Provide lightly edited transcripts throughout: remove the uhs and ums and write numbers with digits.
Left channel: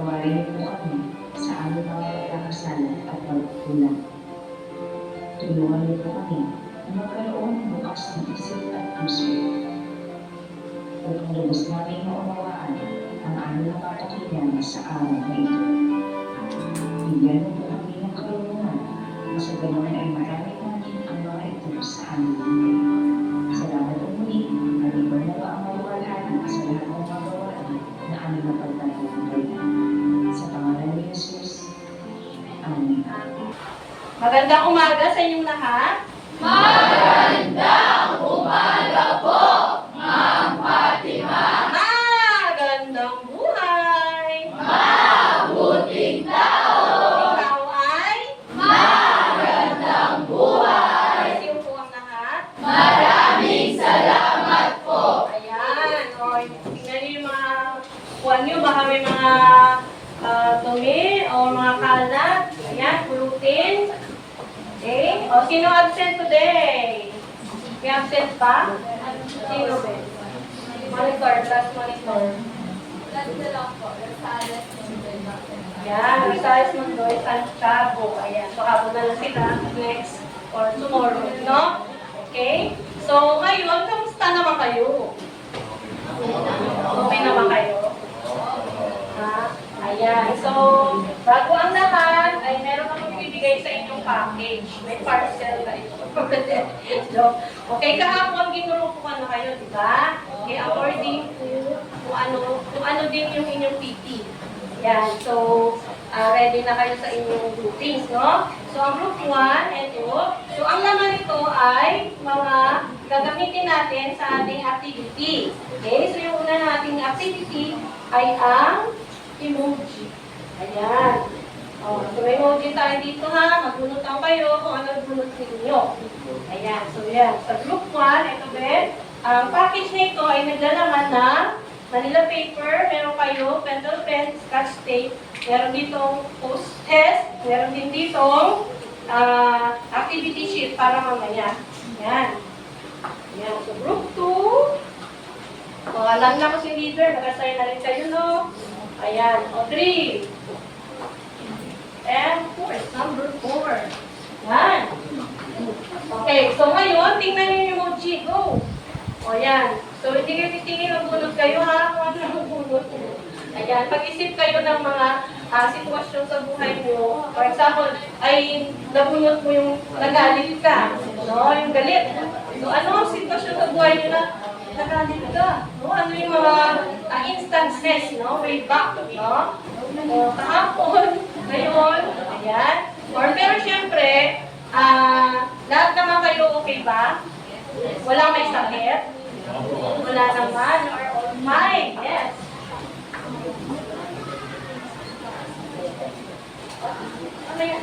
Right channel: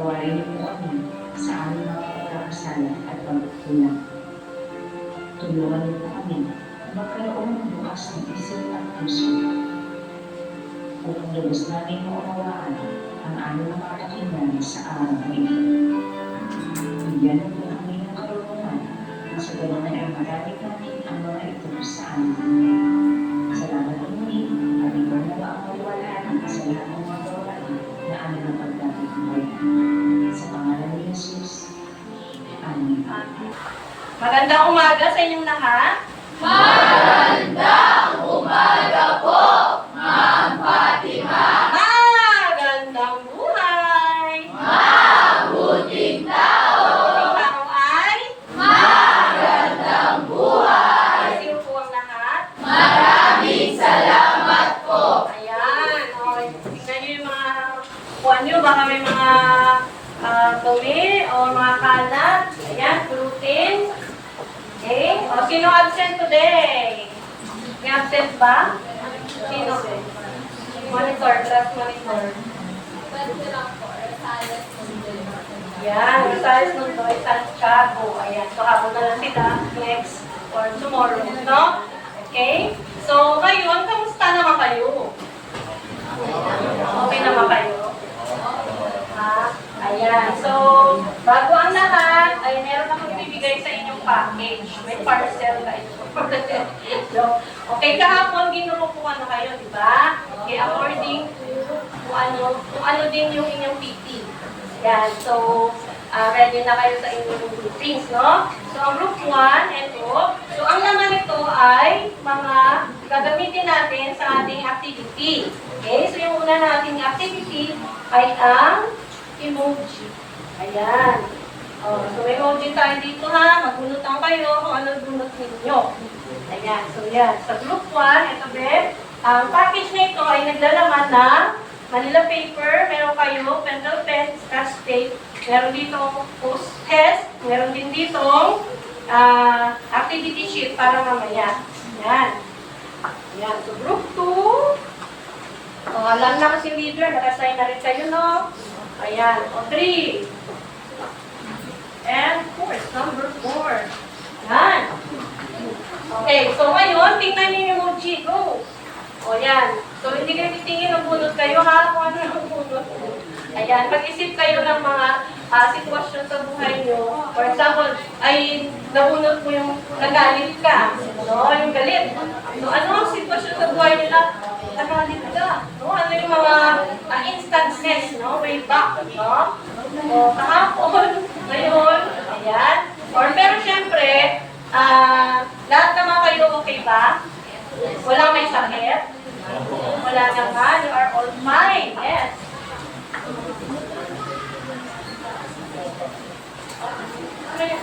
Patawarin niyo po kami sa aming mga pagkakasala at pagkukulang. Tulungan niyo po kami na magkaroon ng bukas ng isip at puso upang lubos namin maunawaan ang aming mga pakinggan sa araw na ito. Bigyan mo po kami ng karunungan na sa ganoon ay magamit natin ang mga ito sa aming buhay. Salamat po muli at ikaw na ba ang maluwalhati sa lahat ng mga gawain na aming napagtatagumpay. Sa pangalan ni Jesus. Amen. Magandang umaga sa inyong lahat. Magandang umaga po, Ma'am Fatima. Magandang buhay. Mabuting tao. Ikaw ay Magandang buhay. sino po ang lahat? Maraming salamat po. Ayan. O, tingnan niyo yung mga kuwan niyo. Baka may mga dumi o mga kalat. Ayan, pulutin. Okay? O, sino absent today? May absent ba? Sino ba? Monitor, class monitor. Yan, Rizales Mundoy, Santiago. Ayan, so habol na lang sila next or tomorrow, no? Okay? So, ngayon, kamusta naman kayo? Okay naman kayo? Ha? Ayan, so, bago ang lahat, ay meron akong bibigay sa inyong package. May parcel kayo. So, okay, kahapon ginurupuan na kayo, di ba? Okay, according to kung ano din yung inyong PT. Yan, so, ready na kayo sa inyong groupings, no? So, ang group 1, ito. So, ang laman nito ay mga gagamitin natin sa ating activity. Okay, so yung una nating activity ay ang emoji. Ayan. Oh, so may emoji tayo dito ha. Magbunot lang kayo kung ano bunot ninyo. Ayan. So yan. Sa group 1, ito be, ang package na ito ay naglalaman ng Manila paper, meron kayo, pencil pen, scotch tape, meron ditong post-test, meron din ditong activity sheet para mamaya. Yan. Yan. So group 2, alam na kasi leader, nakasign na rin sa'yo, no? Ayan. O, 3. And 4. Number 4. Yan. Okay. So, ngayon, tingnan niyo yung emoji. Go. O, yan. So, hindi kayo titingin ng bunot kayo, ha? Kung ano ang bunot. Ayan. Pag-isip kayo ng mga sitwasyon sa buhay nyo. For example, ay nabunot mo yung nagalit ka. No? Yung galit. So, ano ang sitwasyon sa buhay nyo na nagalit ka? No? Ano yung mga instances, no? Way back, no? O, kahapon, ngayon, ayan. Pero syempre, lahat naman kayo okay ba? Wala may sakit? Wala naman. You are all fine. Yes. Ano yun?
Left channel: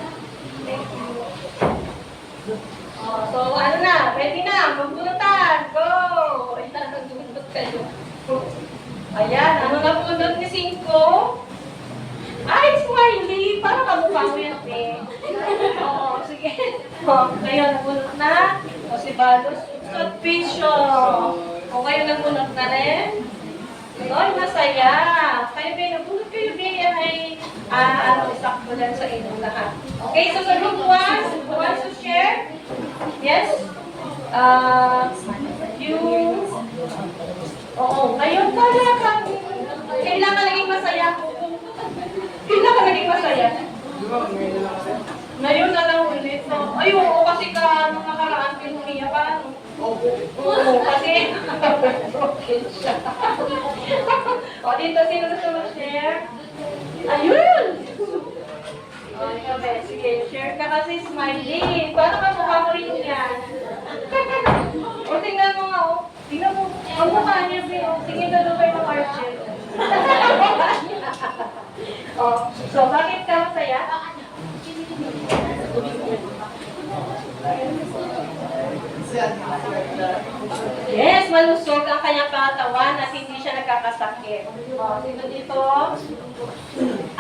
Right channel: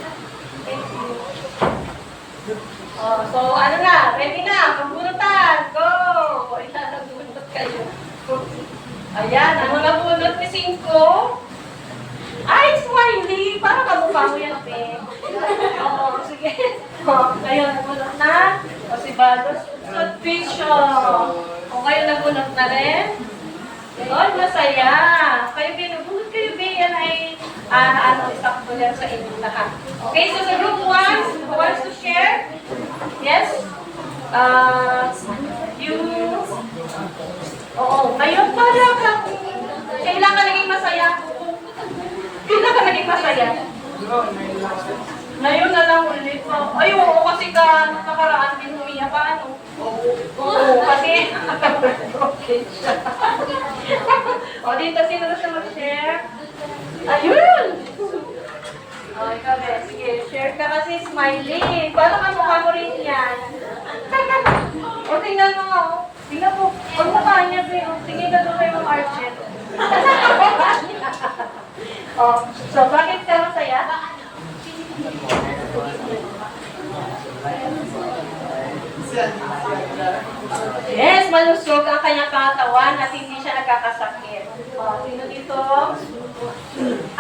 So, ano na? Ready na? Magbunutan. Go! Ayan, nagbunot kayo. Ayan, ano nabunot ni Cinco? Ay, smiley! Parang kamukha mo yan, Pe. Oo, sige. Kayo nagbunot na. O si Balos, upsot pisyo. O kayo nagbunot na rin. Oy, masaya. Kayo, Pe, nagbunot kayo, Pe. Yan ay, isakto yan sa inyong lahat. Okay, so sa group 1, who wants to share? Yes? Ngayon pala kang, kailangan naging masaya. Kailan ka naging masaya? Ngayon na lang ulit. Ay, oo, kasi ka, nung nakaraan, pinumiya ka, ano? Oo, kasi, broken siya. O, dito, sino gusto mag-share? Ayun! O, ikaw, Beth, sige, share ka kasi smiley. Paano ka mukha mo rin yan? O, tingnan mo nga, o. Tingnan mo, ang mukha niya, Beth. Sige, galupay mo, Archie. Oh, so bakit ka masaya? Yes, malusog ang kanyang katawan at hindi siya nagkakasakit. Oh, sino dito?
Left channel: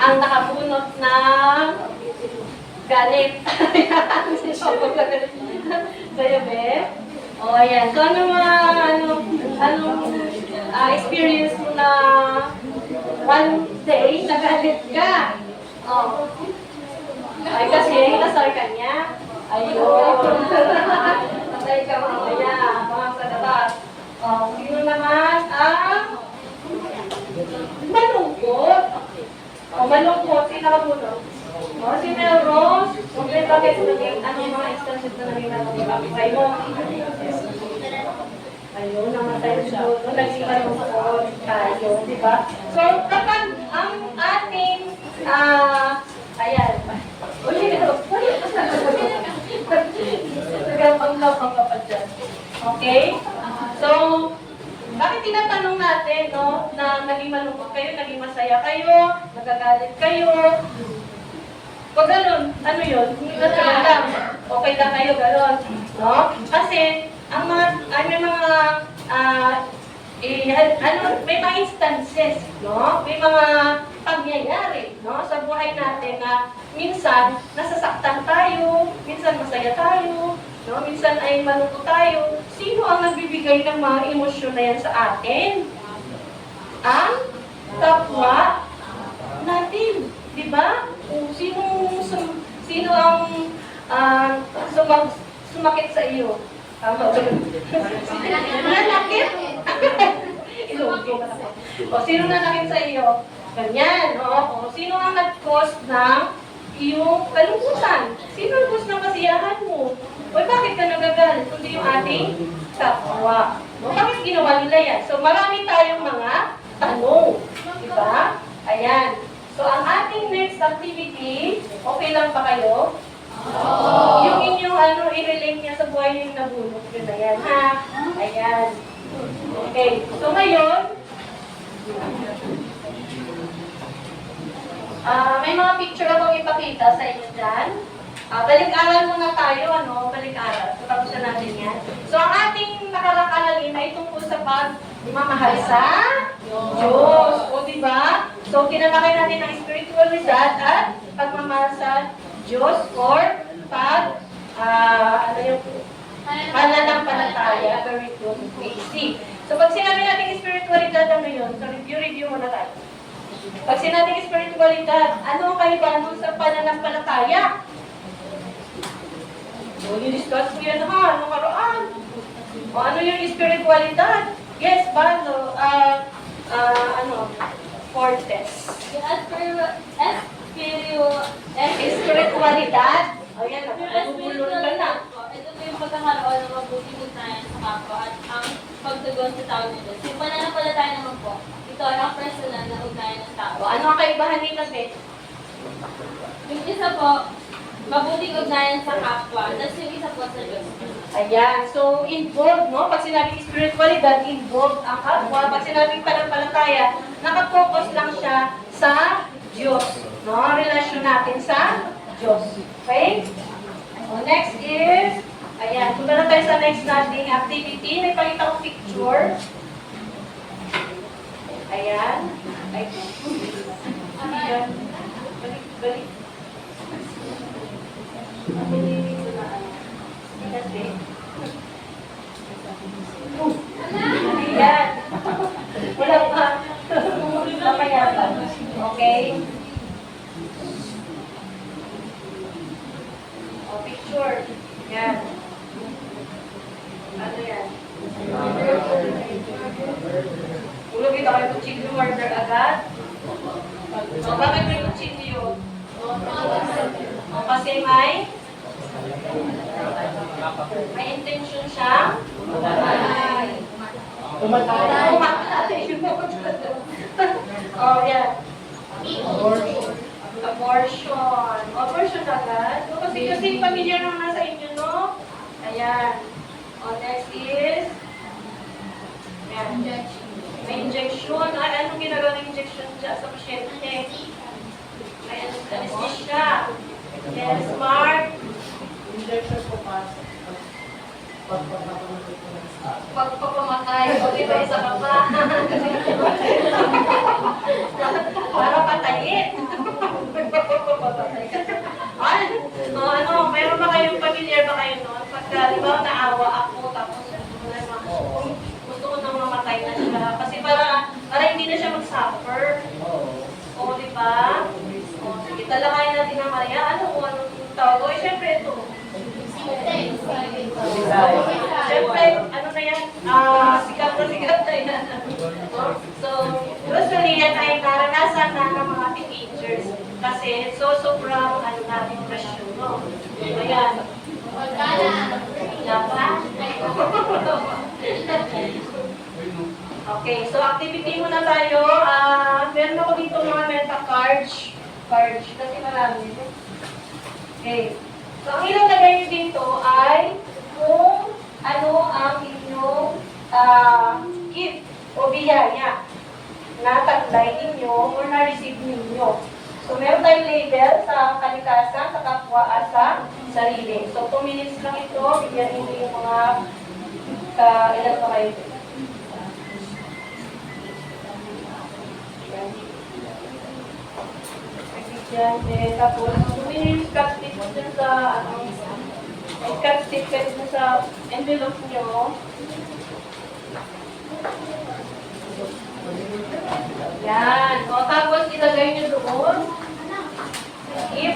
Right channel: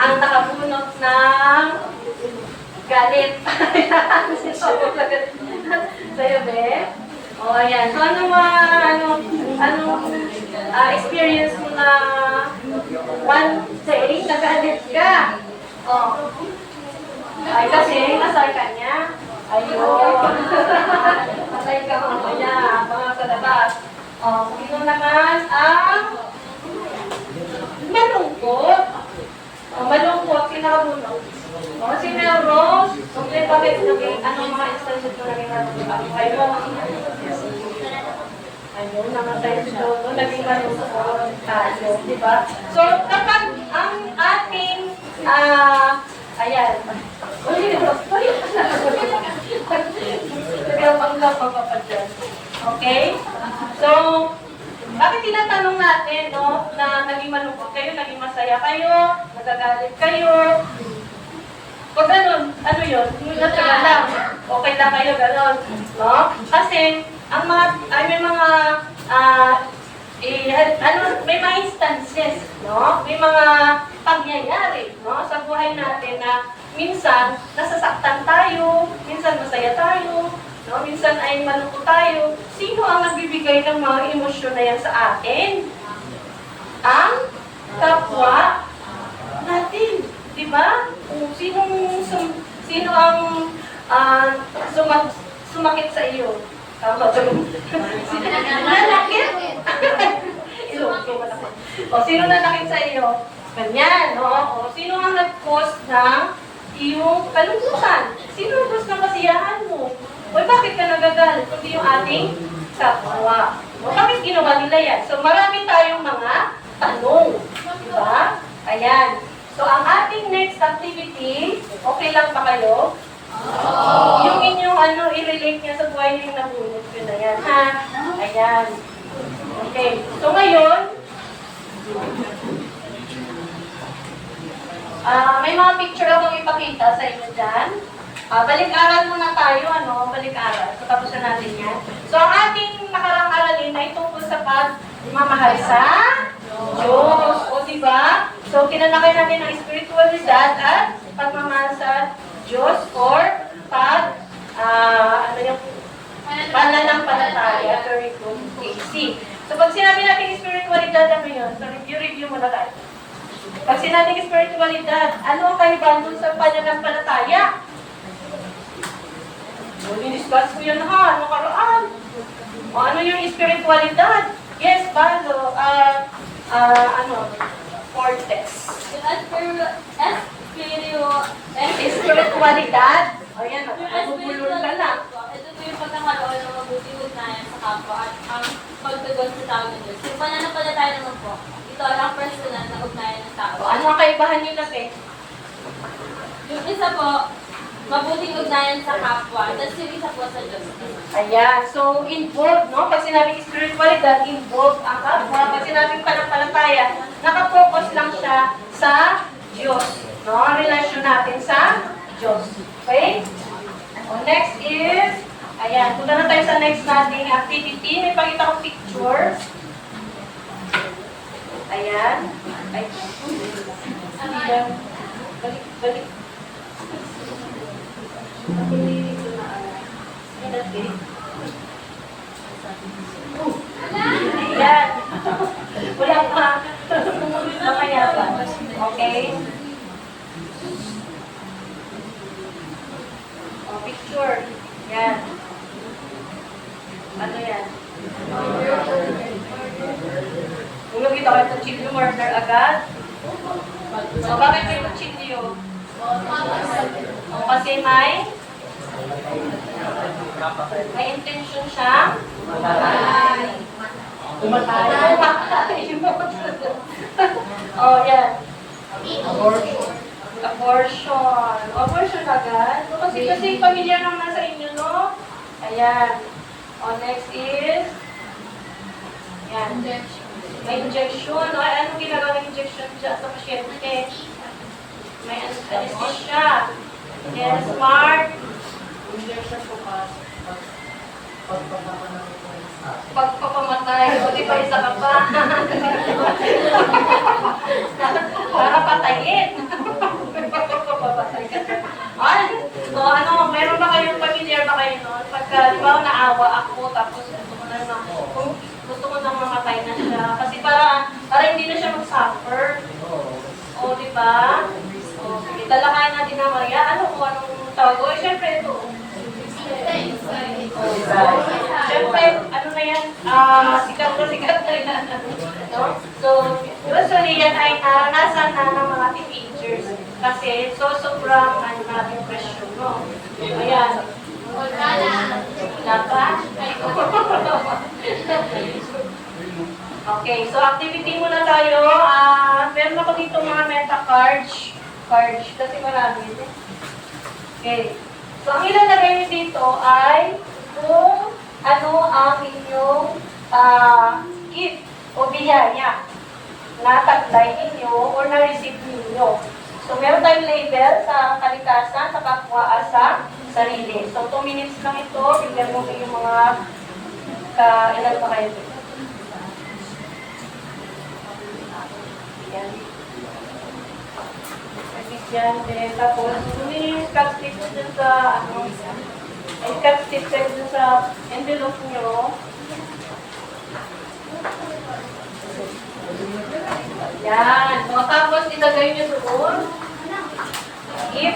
Ang nakabunot ng galit. Sa'yo, Be? Oh, ayan. So, anong experience mo na one day nagalit Next ka. Oh. Ay, kasi nasay ka niya. Ayun. Nasay ka mamaya. Mga sa labas. Oh, sino naman ang malungkot? Oh, malungkot. Sino ka muna? Oh, si Melrose. Okay, bakit naging, anong mga instances na naging malungkot? Ay mo. Ayun, namatay si Dodo. Naging malungkot tayo, di ba? So, kapag ang ating, ayan. Nagapang-lapang ka pa dyan. Okay? So, bakit tinatanong natin, no, na naging malungkot kayo, naging masaya kayo, nagagalit kayo? Pag ganun, ano yun? Natural lang. Okay lang kayo, ganun. No? Kasi, ang mga, may mga, may mga instances, no? May mga pangyayari, no? Sa buhay natin na minsan, nasasaktan tayo, minsan masaya tayo, no? Minsan ay malungkot tayo. Sino ang nagbibigay ng mga emosyon na yan sa atin? Ang kapwa natin. Diba? Sino ang sumakit sa iyo? Tama ba? Nanakit? O, sino nanakit sa iyo? Ganyan, no? O, sino ang nag-cause ng iyong kalungkutan? Sino ang cause ng kasiyahan mo? O, bakit ka nagagalit? Kundi yung ating kapwa. O, bakit ginawa nila yan? So, marami tayong mga tanong. Diba? Ayan. So, ang ating next activity, okay lang pa kayo? Yung inyong i-relate niya sa buhay niyo yung nabunot yun na yan, ha? Ayan. Okay. So, ngayon, may mga picture akong ipakita sa inyo dyan. Balik-aral muna tayo, balik-aral. So, tapos na natin yan. So, ang ating nakarang aralin ay tungkol sa pagmamahal sa Diyos. O, diba? So, kinalakay natin ang spiritualidad at pagmamahal sa Diyos or pananampalataya. Very good. AC. So, pag sinabi natin spiritualidad, ano yun? So, review muna tayo. Pag sinabing spiritualidad, ano ang kaibahan dun sa pananampalataya? So, i-discuss mo yan ha, nakaraan. O ano yung spiritualidad? Yes, Balo. Fortes. Spiritualidad. O yan, nagugulong ka na. Ito po yung pagkakaroon ng mabuting ugnayan sa kapwa at ang pagtugon sa tao nito. Yung pananampalataya naman po, ito ang personal na ugnayan ng tao. O ano ang kaibahan nila, Beth? Yung isa po, mabuting ugnayan sa kapwa, tapos yung isa po sa Diyos. Ayan. So, involved, no? Pag sinabing spiritualidad, involved ang kapwa. Pag sinabing pananampalataya, nakafocus lang siya sa Diyos. No? Ang relasyon natin sa Diyos. Okay? O, next is, ayan. Punta na tayo sa next nating activity. May pakita kong picture. Ayan. Ay. Ayan. Balik. Ayan. Wala pa. Mamaya pa. Okay? O, picture. Yan. Ano yan? Kung nakita kayo kutsilyo, murder agad. So, bakit may kutsilyo? O, kasi may intention siyang umatay. Oh, yan. Abortion agad. Kasi familiar naman nasa inyo, no? Ayan. O, next is yan. May injection. Ay, anong ginagawa ng injection dyan sa pasyente? May anesthesia. Yes, Mark. Injection po Pagpapamatay. O, di ba isa ka pa? Para patayin. Pagpapamatay ka. Ay, so meron ba kayong familiar ba kayo noon? Pagka, di ba, naawa ako, tapos gusto ko nang mamatay na siya. Kasi para hindi na siya mag-suffer. O, di ba? So, syempre, ano na yan, sikat na yan. No? So, usually yan ay naranasan na ng mga teenagers kasi sobrang natin presyo, no? Ayan. Napa? Okay, so activity muna tayo. Meron ako dito mga meta cards. Kasi marami. Okay. So, ang ilalagay niyo dito ay kung ano ang inyong gift o biyaya na taglay ninyo o na-receive ninyo. So, meron tayong label sa kalikasan, sa kapwa, at sa sarili. So, 2 minutes lang ito. Bigyan mo yung mga ilan pa kayo dito. Yan. Yan. Tapos, kunin nyo yung scotch tape dun sa, may scotch tape kayo dun sa envelope nyo. Yan. O, tapos, ilagay nyo doon. If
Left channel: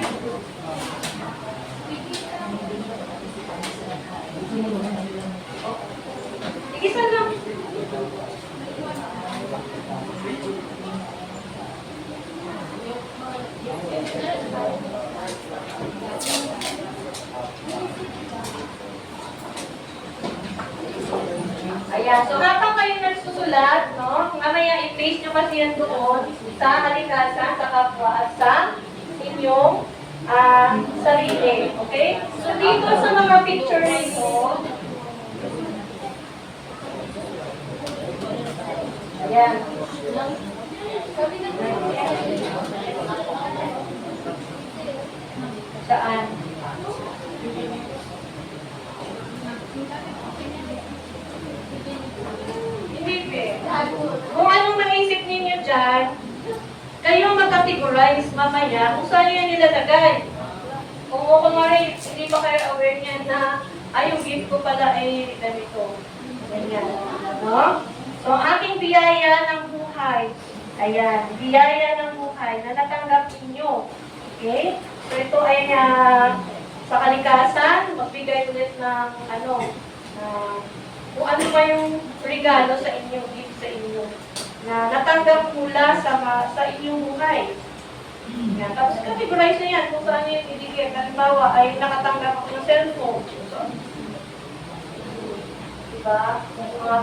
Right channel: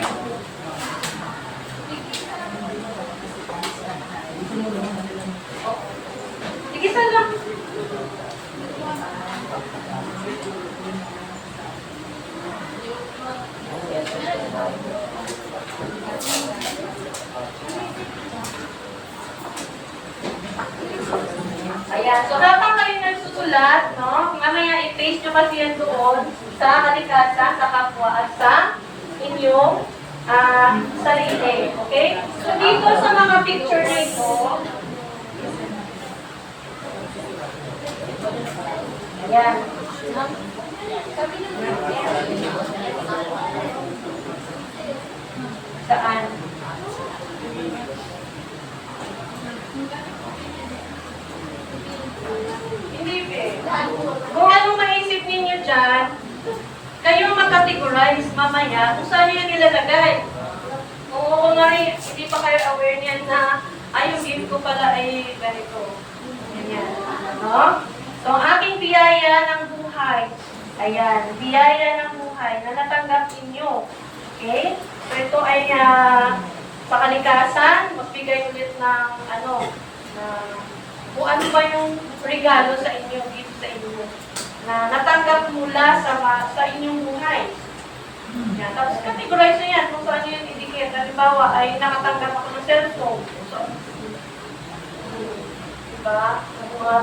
Tigisan lang. Ayan. So, habang kayo nagsusulat, no, mamaya i-paste nyo kasi yan doon sa kalikasan, sa kapwa, at sa inyong sarili. Okay? So, dito sa mga picture na ito, ayan. Saan? Hindi eh. Kung anong maisip ninyo dyan, kayo mag-categorize mamaya kung saan nyo nilalagay. Kung kunwari, hindi pa kayo aware niyan na yung gift ko pala ay ganito. Ganyan. No? So, ang aking biyaya ng buhay. Ayan, biyaya ng buhay na natanggap ninyo. Okay? So, ito ay sa kalikasan, magbigay ulit ng kung ano pa yung regalo sa inyo, gift sa inyo, na natanggap mula sa inyong buhay. Yan. Tapos, categorize nyo yan kung saan yun idikit. Halimbawa, ay nakatanggap ako ng cellphone. So, diba?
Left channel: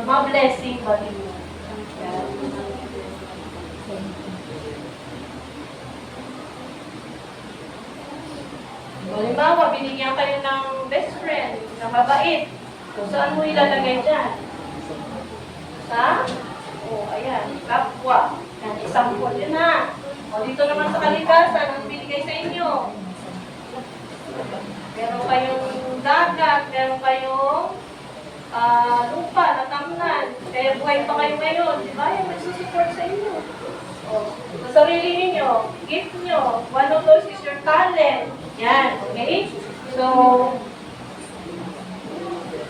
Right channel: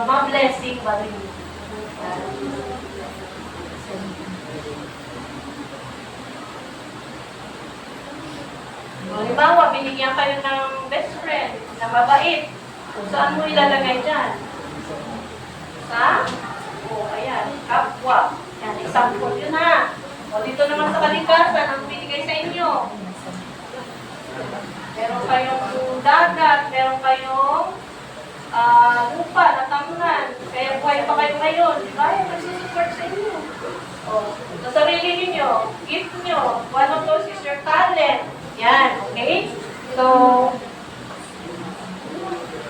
Mga blessing ba rin yun? Yan. Halimbawa, binigyan kayo ng best friend na mabait. Kung saan mo ilalagay dyan? Ayan, kapwa. Yan, example yun ha. O, dito naman sa kalikasan, ang binigay sa inyo. Meron kayong dagat, meron kayong lupa, natamnan. Kaya buhay pa kayo ngayon, di ba? Yan, nagsusupport sa inyo. O, sa sarili ninyo, gift nyo. One of those is your talent. Yan, okay? So,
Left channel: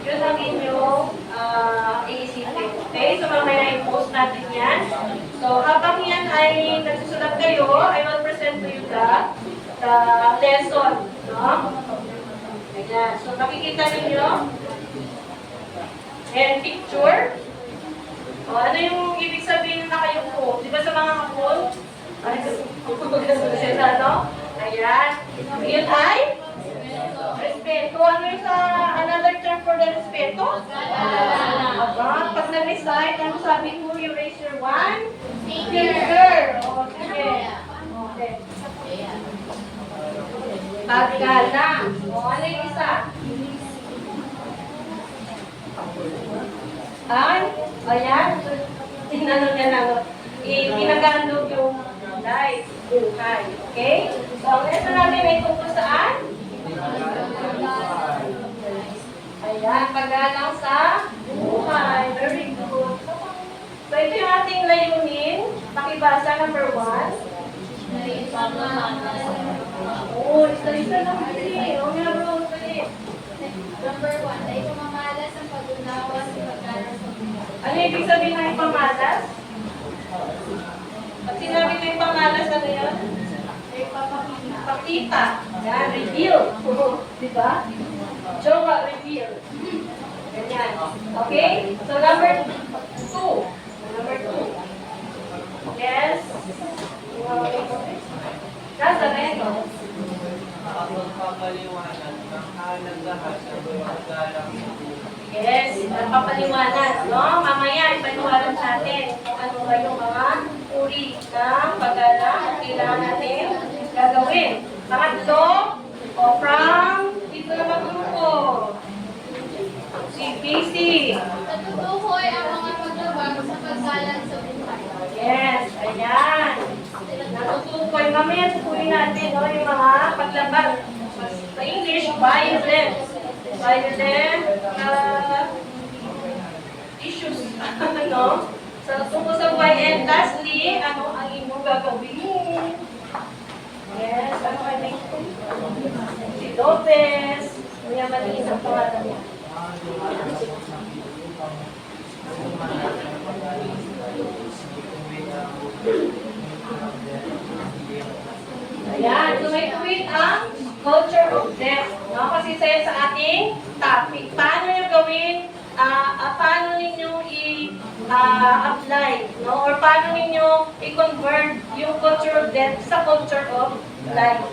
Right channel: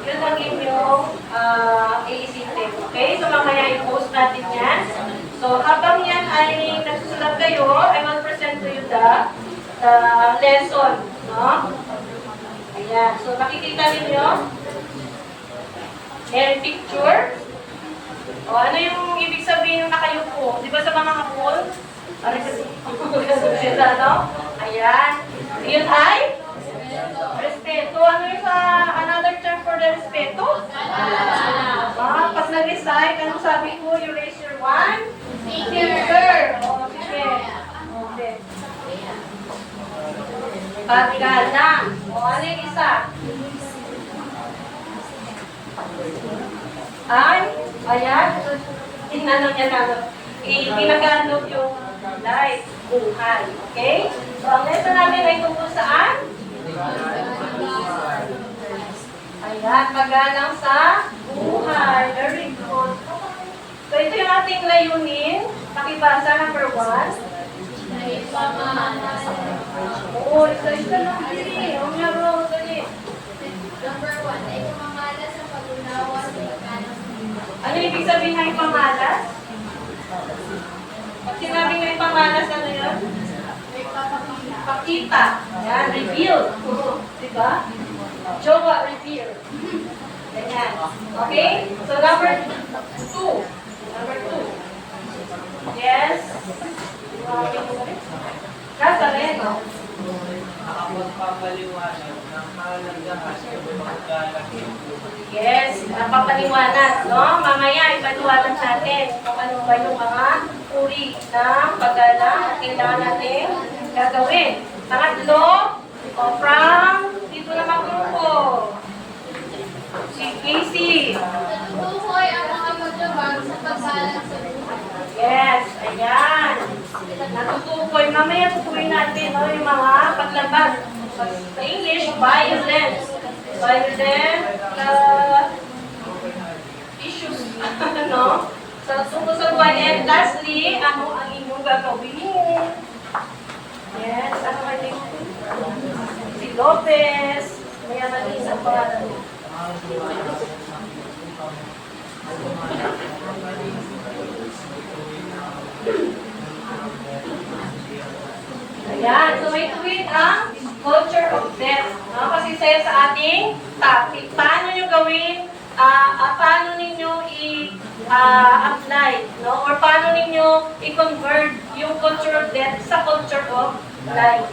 yun ang inyong iisipin. Okay? So, mamaya i-post natin yan. So, habang yan ay nagsusulat kayo, I will present to you the lesson. No? Ayan. So, nakikita ninyo? Ayan, picture. O, ano yung ibig sabihin ng nakayupo? Di ba sa mga hapon? Ay, sila, no? Ayan. Yun ay? Respeto. Ano yung another term for the respeto? Pag nag-recite, ano sabi ko? You raise your one finger. O, sige. Okay. Paggalang. O, ano yung isa? Ay, ayan. Tingnan niya na. Ginagamit yung life, buhay. Okay? So, ang lesson natin ay tungkol saan? Ayan, paggalang sa buhay. Very good. So, ito yung ating layunin. Pakibasa, number 1. Oo, isa-isa lang kasi. Huwag niya roll ulit. Number 1, ay kumamalas ang pag-unawa sa paggalang sa buhay. Ano ibig sabihin ng ipamalas? Pag sinabing may pamalas, ano yun? Pakita. Yan, reveal. Diba? Jowa, reveal. Ayan. Okay? So, number 2. Number 2. Yes? Nasa rin. Nakapagpapaliwanag ng halagahan ng paggalang sa buhay. Yes, napapaliwanag, no? Mamaya ipaliwanag natin kung ano ba yung mga uri ng paggalang at kailangan natin gagawin. Pangatlo, o from, dito naman grupo. Si Casey. Natutukoy ang mga paglabag sa paggalang sa buhay. Yes, ayan. Natutukoy. Mamaya tutukoy natin, no, yung mga paglabag. Sa English, violence. Violent issues, no? So, tungkol sa buhay. And lastly, ano ang inyong gagawin? Yes, ano ang inyong si Lopez. May malinis ang pangalan mo. Ayan, so may tuwid ang culture of death. No? Kasi sa ating topic. Paano nyo gawin, paano ninyo i-apply, no? Or paano ninyo i-convert yung culture of death sa culture of life.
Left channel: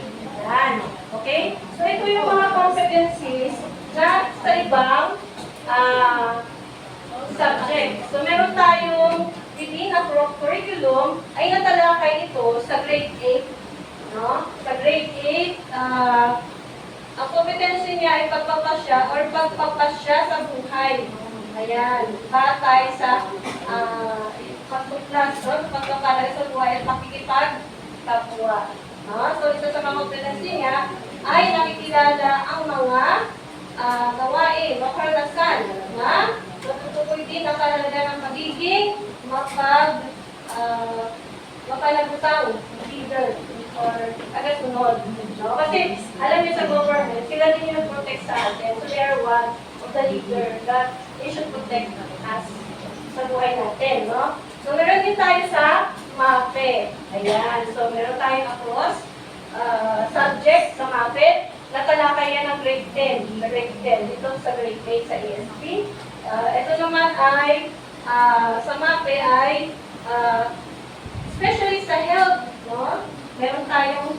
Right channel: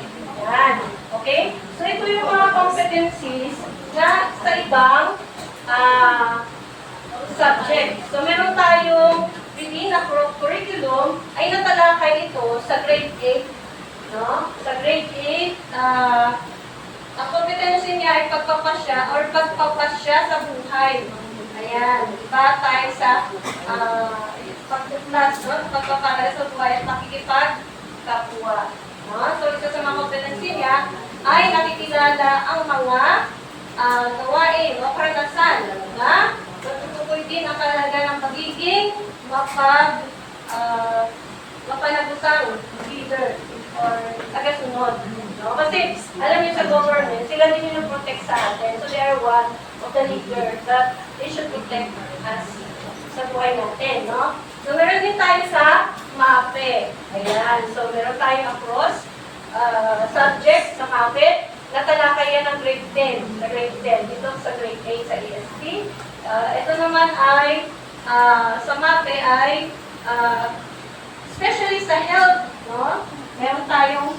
Ayan. Okay? So ito yung mga competencies na sa ibang subject. So meron tayong within a curriculum ay natalakay ito sa grade 8. No? Sa grade 8, ang competency niya ay pagpapasya or pagpapasya sa buhay. Ayan, batay sa pagtuklas, no? Pagpapalala sa buhay at makikipagkapwa. No? So, isa sa mga competency niya ay nakikilala ang mga gawain o karanasan na natutukoy din ang talaga ng pagiging mapanagusang leader or tagasunod. No? Kasi, alam niyo sa government, sila din yung protect sa atin. So, they are one of the leader that they should protect us sa buhay natin. No? So, meron din tayo sa MAPE. Ayan. So, meron tayong across subject sa MAPE. Natalakay yan ng grade 10. Sa grade 10. Dito sa grade 8 sa ESP. Ito naman ay, sa MAPE ay, especially sa health. No? Meron kayong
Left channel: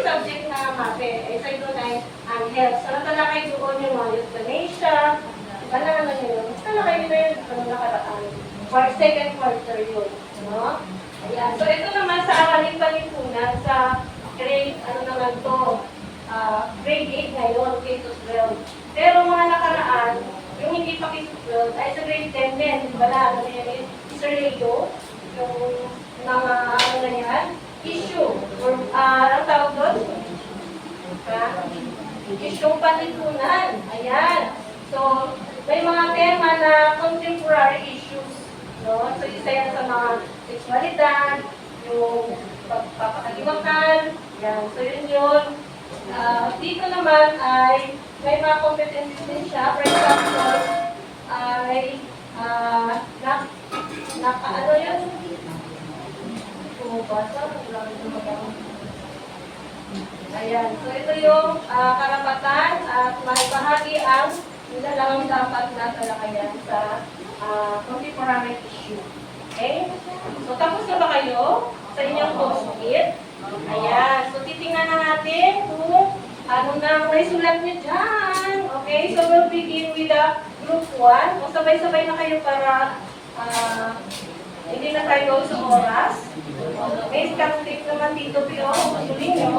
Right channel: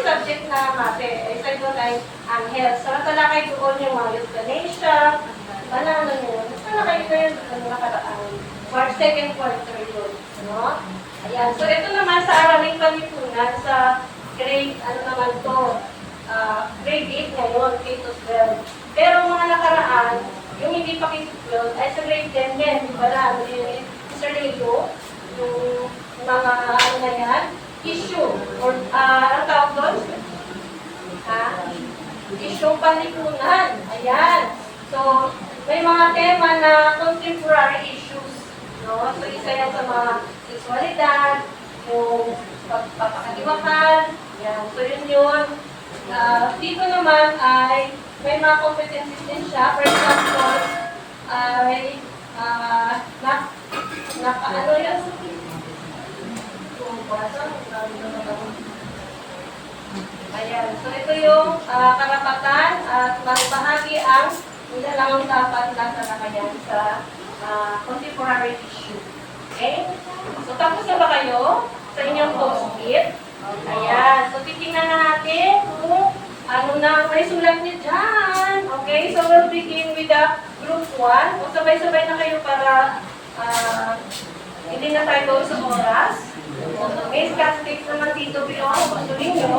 subject na MAPE. Isa doon ay ang health. So, natalakay doon yung mga euthanasia. Iba na naman yun. Natalakay na yun. Ano nakaraan. Second quarter yun. No? Ayan. So, ito naman sa Aralin Palipunan sa grade, ano naman to, grade 8 ngayon, K-12. Pero mga nakaraan, yung hindi pa K-12, ay sa grade 10 din. Wala, ano yun, Mr. Leo, yung mga, ano na yan, issue, or ang tawag doon? Issue panlipunan. Ayan. So, may mga tema na contemporary issues. No? So, isa yan sa mga sexualidad, yung pagpapakagiwakan. Yan. So, yun. Dito naman ay may mga competencies din siya. For example, ay ano yun? Ayan. So, ito yung karapatan at bahagi ang nilalang dapat na talakayan sa contemporary issue. Okay? So, tapos na ba kayo sa inyong post-it? Ayan. So, titingnan na natin kung ano na may sulat niyo dyan. Okay? So, we'll begin with the group 1. O, sabay-sabay na kayo para hindi na tayo gawin sa oras. May scanstick naman dito, pero gusto ninyo.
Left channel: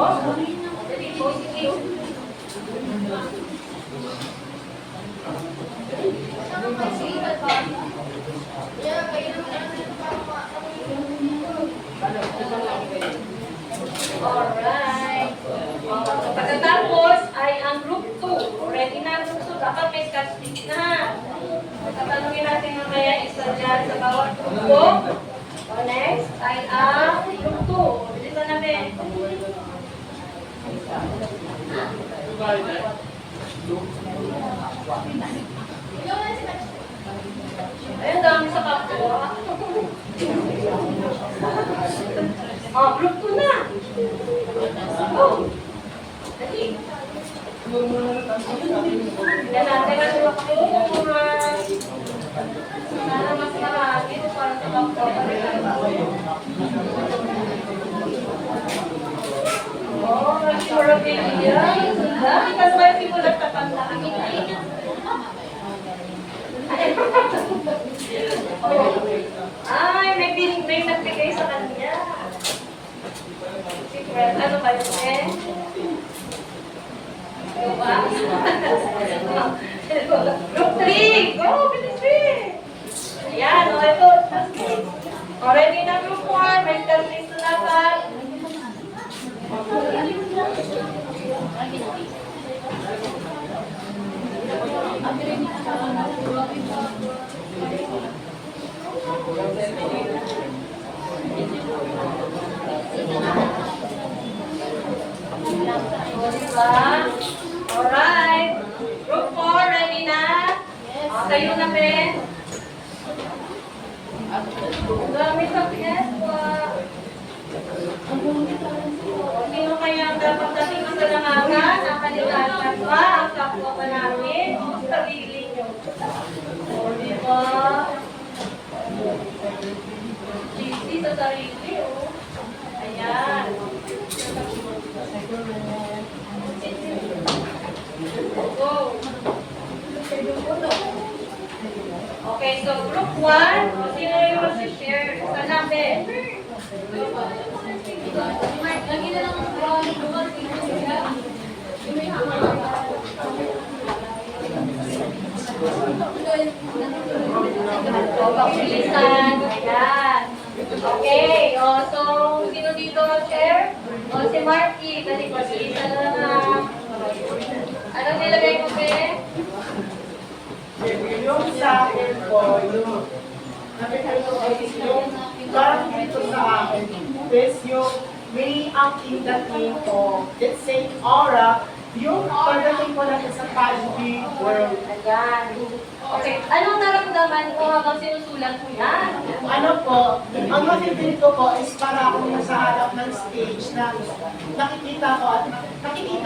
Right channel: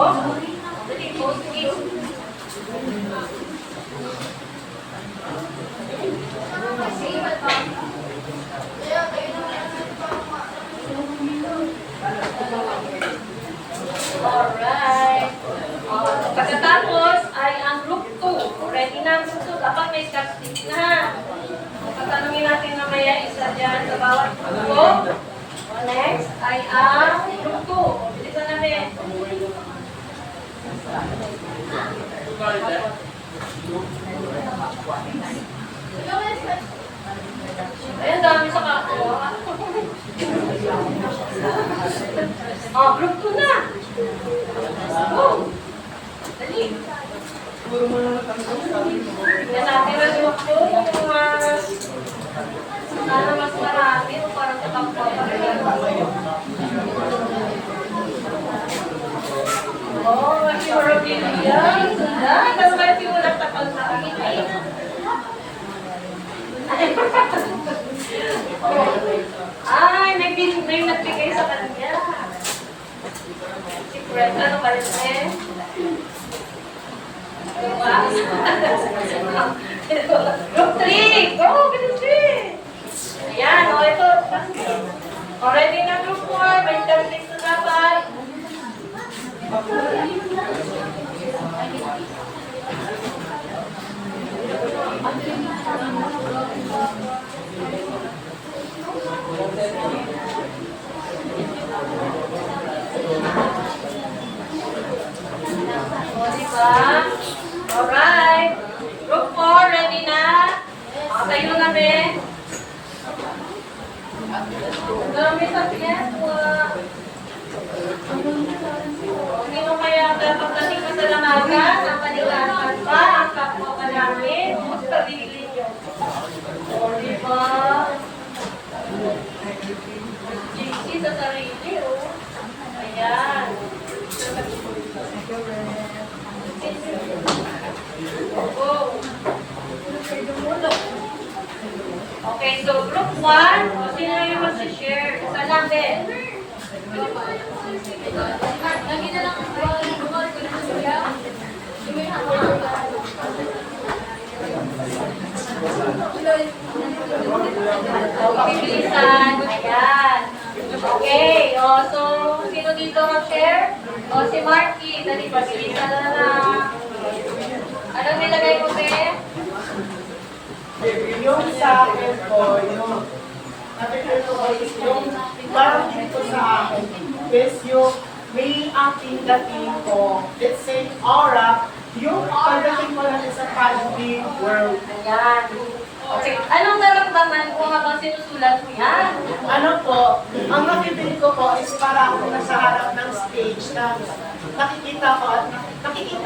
Dali, post-it. Alright. Pagkatapos ay ang group 2. Ready na ang group 2. Dapat may scanstick na. Tatanungin natin na kaya isa dyan sa bawat grupo. Next ay ang group 2. Bilisan namin. Ayan, dami sa kapwa. Group 2 na. Oh, dali. Yan natin na yung sana mas marami o parang katampo pa rin. Oh, memorabilia. Sundan. Tapos kayo simulat na kanta. Ay, may nagbigay sa kanya. Secret. Ano ba yun eh? Group 3! Go! Group 3! Ayan, o ito. Already na group 4. May countries na dapat. O, diba? Alright. Group 4, ready na? O, kayo na, Ben. Dami sa piyeswa. Sino kaya ang dapat nating masalamagan ang paligatan pa ang kapwa pa namin o sarili niyo? O, diba? GC sa sarili, o. Ayan. Go. Okay, so group 1, o sino yung mag-share? Sa namin? Lagi na lang bukod yung may hama-hama. O, pakibilisan. Ayan. Okay, o, so sino dito mag-share? O, si Marky. Dali, pabilisan na lang. Anong nilagay mo, Be? Yung sa akin po, yung parang dito sa akin is yung may aking dating po, let's say, aura, yung pagdating ko natin sa positive world. Ayan. Okay, anong naramdaman mo habang sinusulat mo yan? Ano po, ang nakibili ko po is para akong nasa harap ng stage na nakikita ko ang aking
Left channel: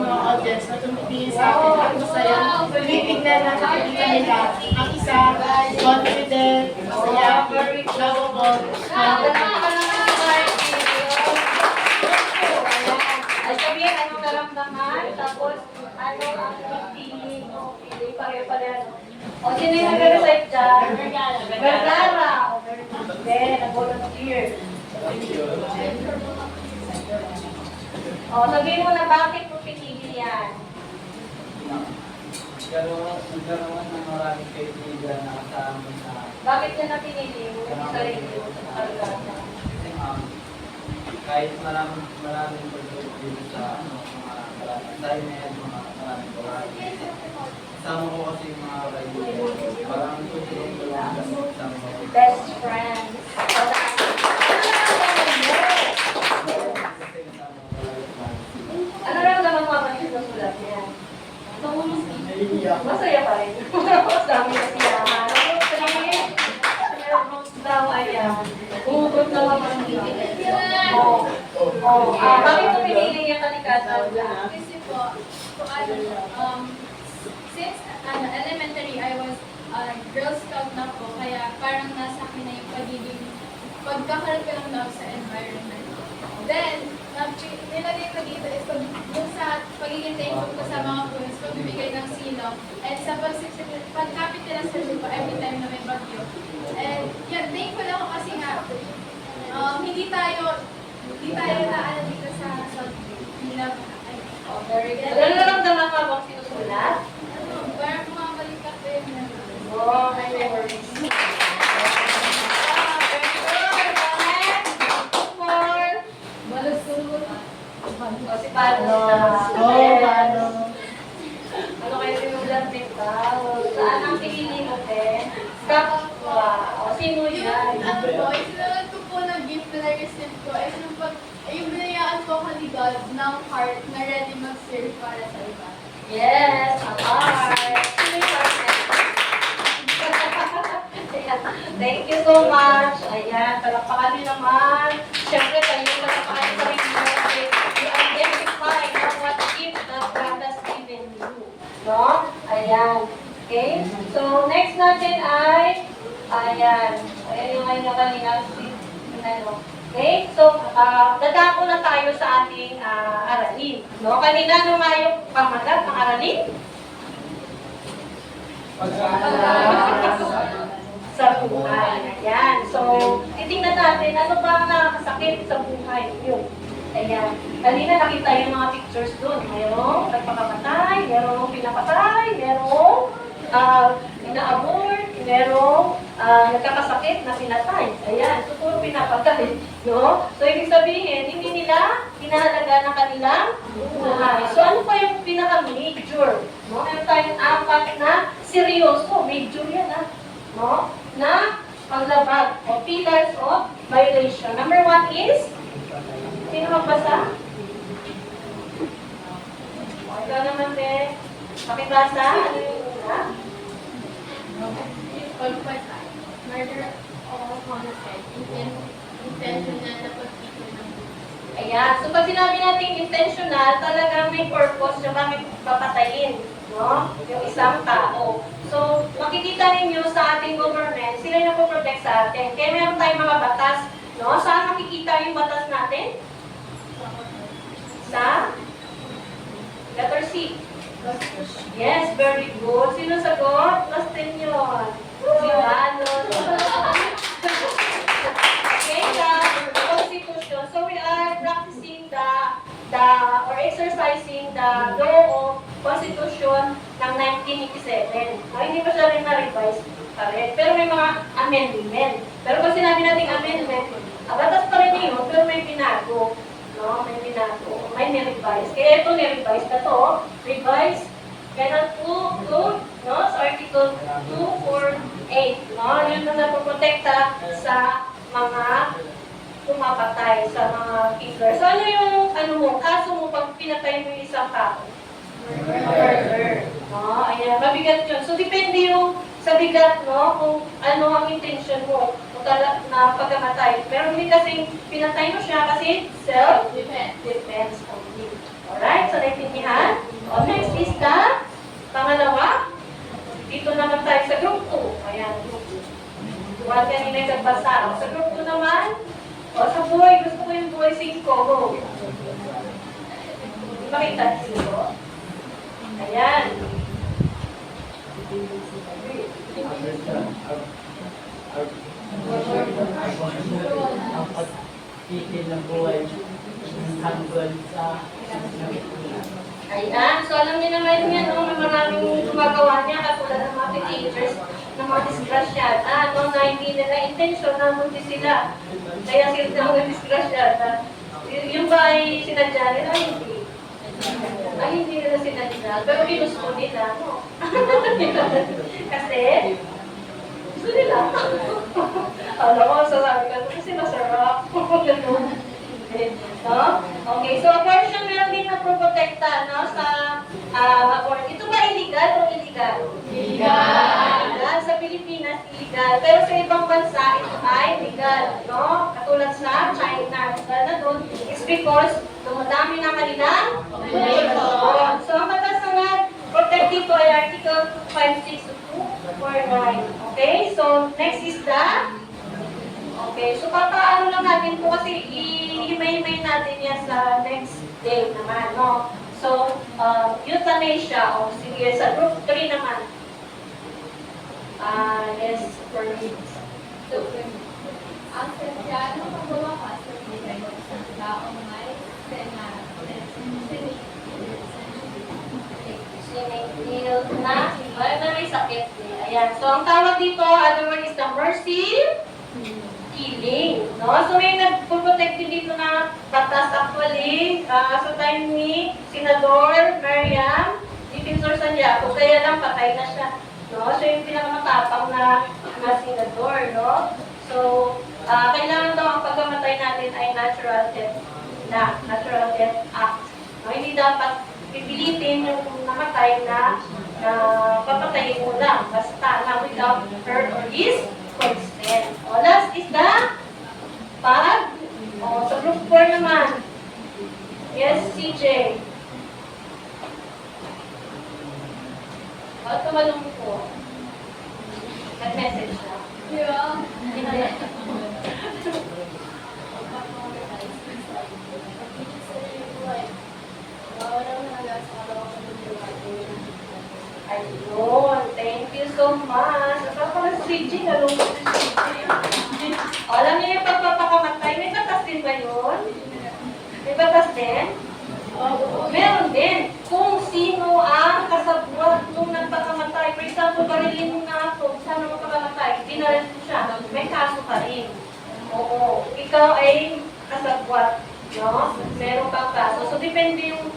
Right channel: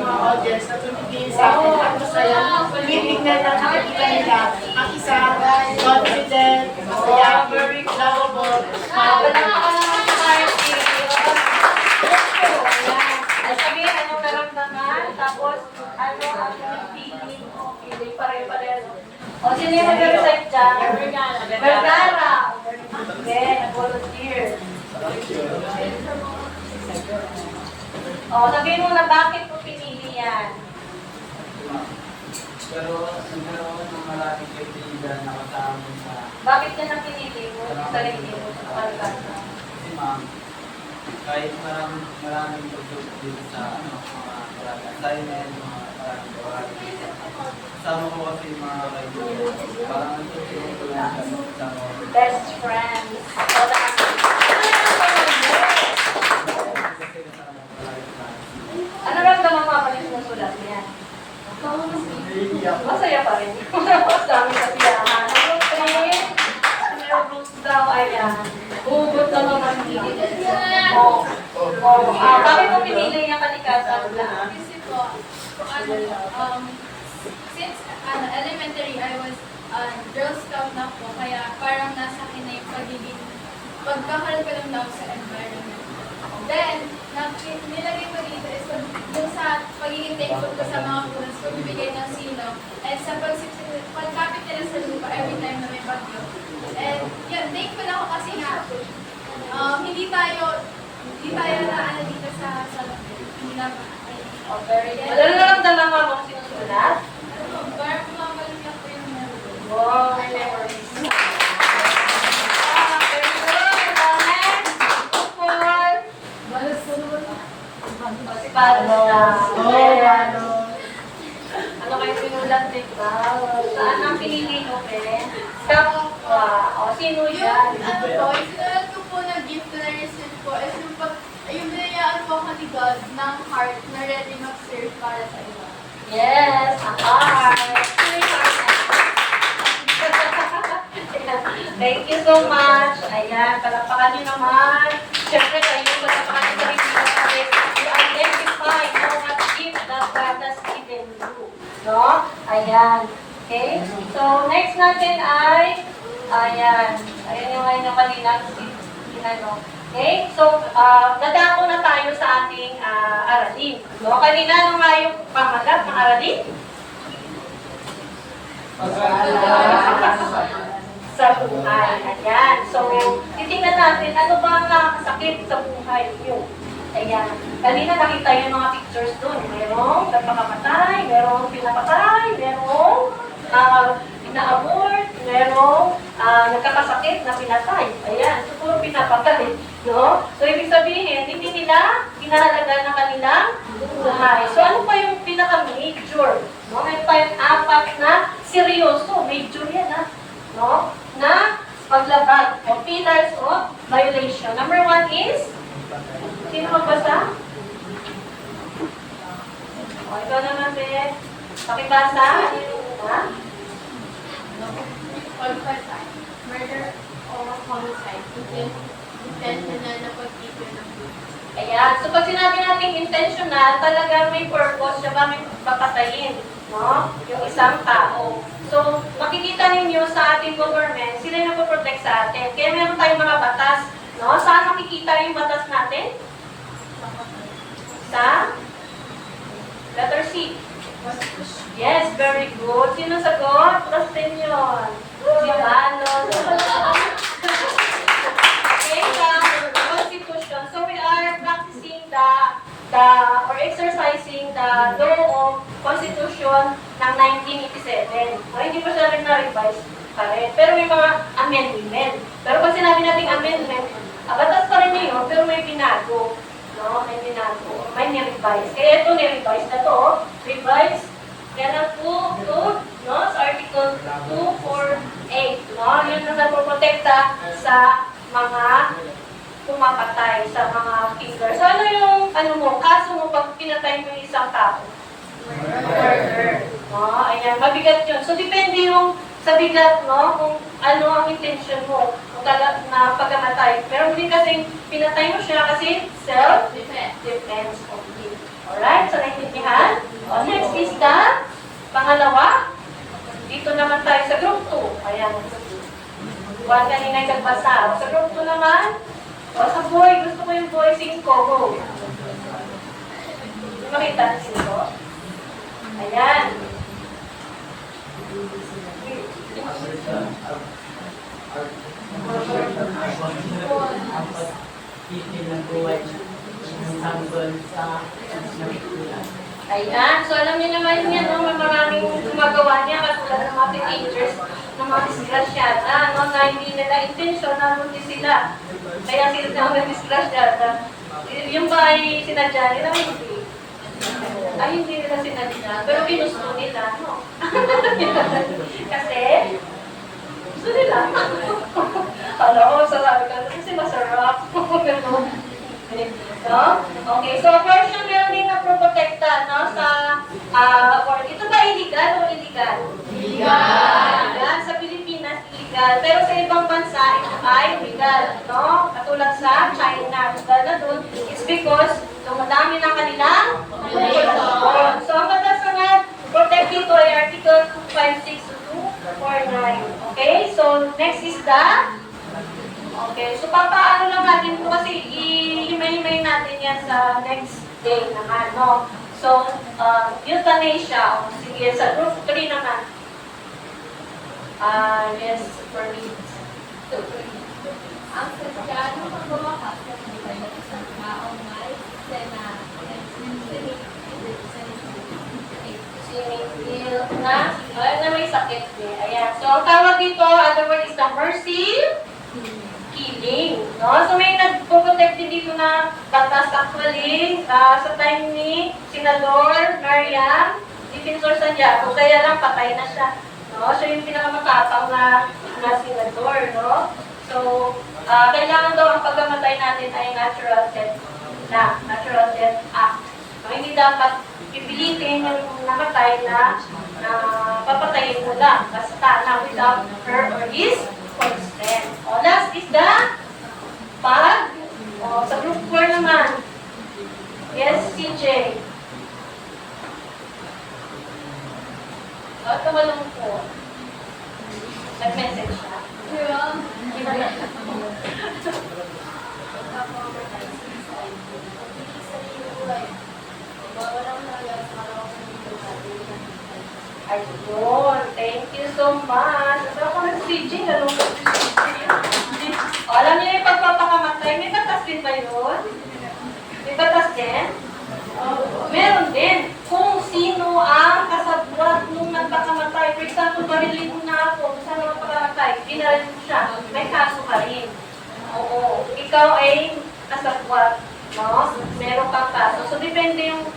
mga audience na tumitingin sa akin at masaya. Tinitingnan na nakikita nila ang isang confident, masaya, lovable, Palakpakan ka naman si Marky. Ayan. Ay, sabihin, anong naramdaman? Tapos, ano ang feeling? Okay, yung pare-pareho. O, sino yung mag-recite dyan? Vergara. O, very good. Then, nag-volunteer. O, sabihin mo na bakit mo pinili yan? Nagkaroon ng maraming kaibigan na kasama mo sa Bakit yan na pinili mo? Yung sarili mo sa kalgasa. kasi ma'am, kahit maraming pagtulog dito sa mga maraming assignment, mga maraming gawain. Kasama ko kasi yung mga kaibigan. Parang nagtutulong ko lang sa mga Best friends. O, kasi nasama ko maraming plans. ano ramdaman mo kapag sinusulat niya? Masaya pa rin. Mas dami kasiyahan. Nervous daw, ayan. Hugot daw ang pagpili. Bakit mo pinili yung kalikasan lang? Kasi po, since elementary, I was Girl Scout na po, kaya parang nasa akin na yung pagkakaroon ko ng love sa environment. Then, nilagay ko dito is yung sa pagiging thankful ko sa mga parents ko, bibigay ng silong, and sa pagkapit nila sa lupa every time na may bagyo. And yun, thankful ako kasi nga, hindi tayo na ano dito sa Minaba. Oh, very good. Ano naramdaman mo habang sinusulat? Parang kumabalik ako yung memory. Wow, my memories. Very good. Next. One. O, si Palo na. Ano kayo sinulat din ba? Saan ang pinili mo, Ben? Kapwa. O, sino yan? Ano po, isinulat ko po na gift na receive ko is yung binayaan po ako ni God ng heart na ready mag-serve para sa iba. Yes, ang heart. Sino yung heart na? Thank you so much. Ayan, palakpakan nyo naman. Siyempre kayo, palakpakan nyo sa rin nyo. You identify what gift that God has given No? Ayan. Okay? So, next natin ay, ayan. Ayan yung ngayon yung kanina. Ano. Okay? So, dadako na tayo sa ating aralin. No? Kanina, ano nga yung pamagat ng aralin? Sa buhay. Ayan. So, titingnan natin, ano ba ang nakakasakit sa buhay niyo? Ayan. Kanina nakita yung mga pictures doon. Merong nagpakamatay, merong pinapatay, merong ina-abort, merong nagkakasakit na pinatay. Ayan. So, puro pinapatay. No? So, ibig sabihin, hindi nila pinahalaga ng kanilang buhay. So, ano pa yung pinaka-major? No? Meron tayong 4 na seryoso. Major yan, ha? No? Na paglabag o pillars of violation. Number 1 is, sino magbasa? O, ikaw naman, Beth. Pakibasa. Ano yung una? Homicide, murder or homicide, intentional na pag-ipon ng buhay. Ayan. So, pag sinabi natin intentional, talagang may purpose siya bakit papatayin, no? Yung isang tao. So, makikita ninyo sa ating government, sila yung nagpo-protect sa atin. Kaya meron tayong mga batas, no? Saan makikita yung batas natin? Sa letter C. Yes, very good. Sino sagot? Trustin yun. Si Lalo. Okay, the Constitution. So we are practicing or exercising the law of Constitution ng 1987. So, hindi pa siya rin na-revise pa rin. Pero may mga amendment. Pero pag sinabi natin amendment, batas pa rin yun, pero may binago. No? May binago. May ni-revise. Kaya ito ni-revise na to. Revise. Yan ang 2, no? Sa Article 248. No? Yun na nagpoprotekta sa mga pumapatay, sa mga killer. So, ano yung, kaso mo pag pinatay mo yung isang tao? Murder. No? Ayan, mabigat yun. So, depende yung sa bigat, no? Kung ano ang intention mo na pagkamatay. Pero hindi kasing pinatay mo siya kasi self-defense only. Alright? So, naintindihan? O, next is the pangalawa. Dito naman tayo sa group 2. Ayan. One kanina yung nagbasa. Sa group 2 naman, sa boy, gusto ko yung boy 5. Go. Makita 5. Ayan. Ang pagpipil ng buhay ng tanggol sa nakikula. Ayan. So, alam niyo naman yan, no? May maraming gumagawa niya katulad ng mga teenagers, ng mga disgrasyada, no? Na hindi nila intention na hindi sila. Kaya sila na mga disgrasyada. Yung ba ay sinadya nila? Ay, hindi. Ay, hindi nila sinadya. Pero ginusto nila, no? Kasi, gusto nila. Alam mo, sasabi ka, kasi masarap. No? Okay, so abortion meron din na protekta, no? Sa abortion. Ito ba illegal o illegal? Illegal. Sa Pilipinas, illegal. Pero sa ibang bansa, ito ay legal, no? Katulad sa China, legal na doon. It's because dumadami ng kanilang population. So, ang batas na protect ito ay Article 256 to 249. Okay, so next is the okay, so papaano lang natin po kasi ihimay-himay natin yan sa next day naman, no? So, euthanasia, o sige, sa group 3 naman. Yes, for me. Ang Kristiyano pagbawakas sa buhay ng isang taong may Sinigil na may sakit eh. Ayan. So, ang tawag dito, other word is the mercy killing. No? So, may nagpo-protect din dito na batas actually sa time ni Senador Mariam Defensor Santiago. Kaya lang patay na siya. No? So, yung pinakamatapang na senador. No? So, kailangan daw ang pagkamatay natin ay natural death na. Natural Death Act. No? Hindi dapat pipilitin yung namatay na papatayin mo lang. Basta na without her or his consent. O, last is the pag. O, sa group 4 naman. Yes, CJ. din? Meron din. Kung sino ang kasabwat nung nagpakamatay. For example, barilin mo na ako. Saan ang pakamatay? Binaril mo siya. May kaso ka rin. Oo. Ikaw ay kasabwat. No? Meron kang kaso. So, depende yung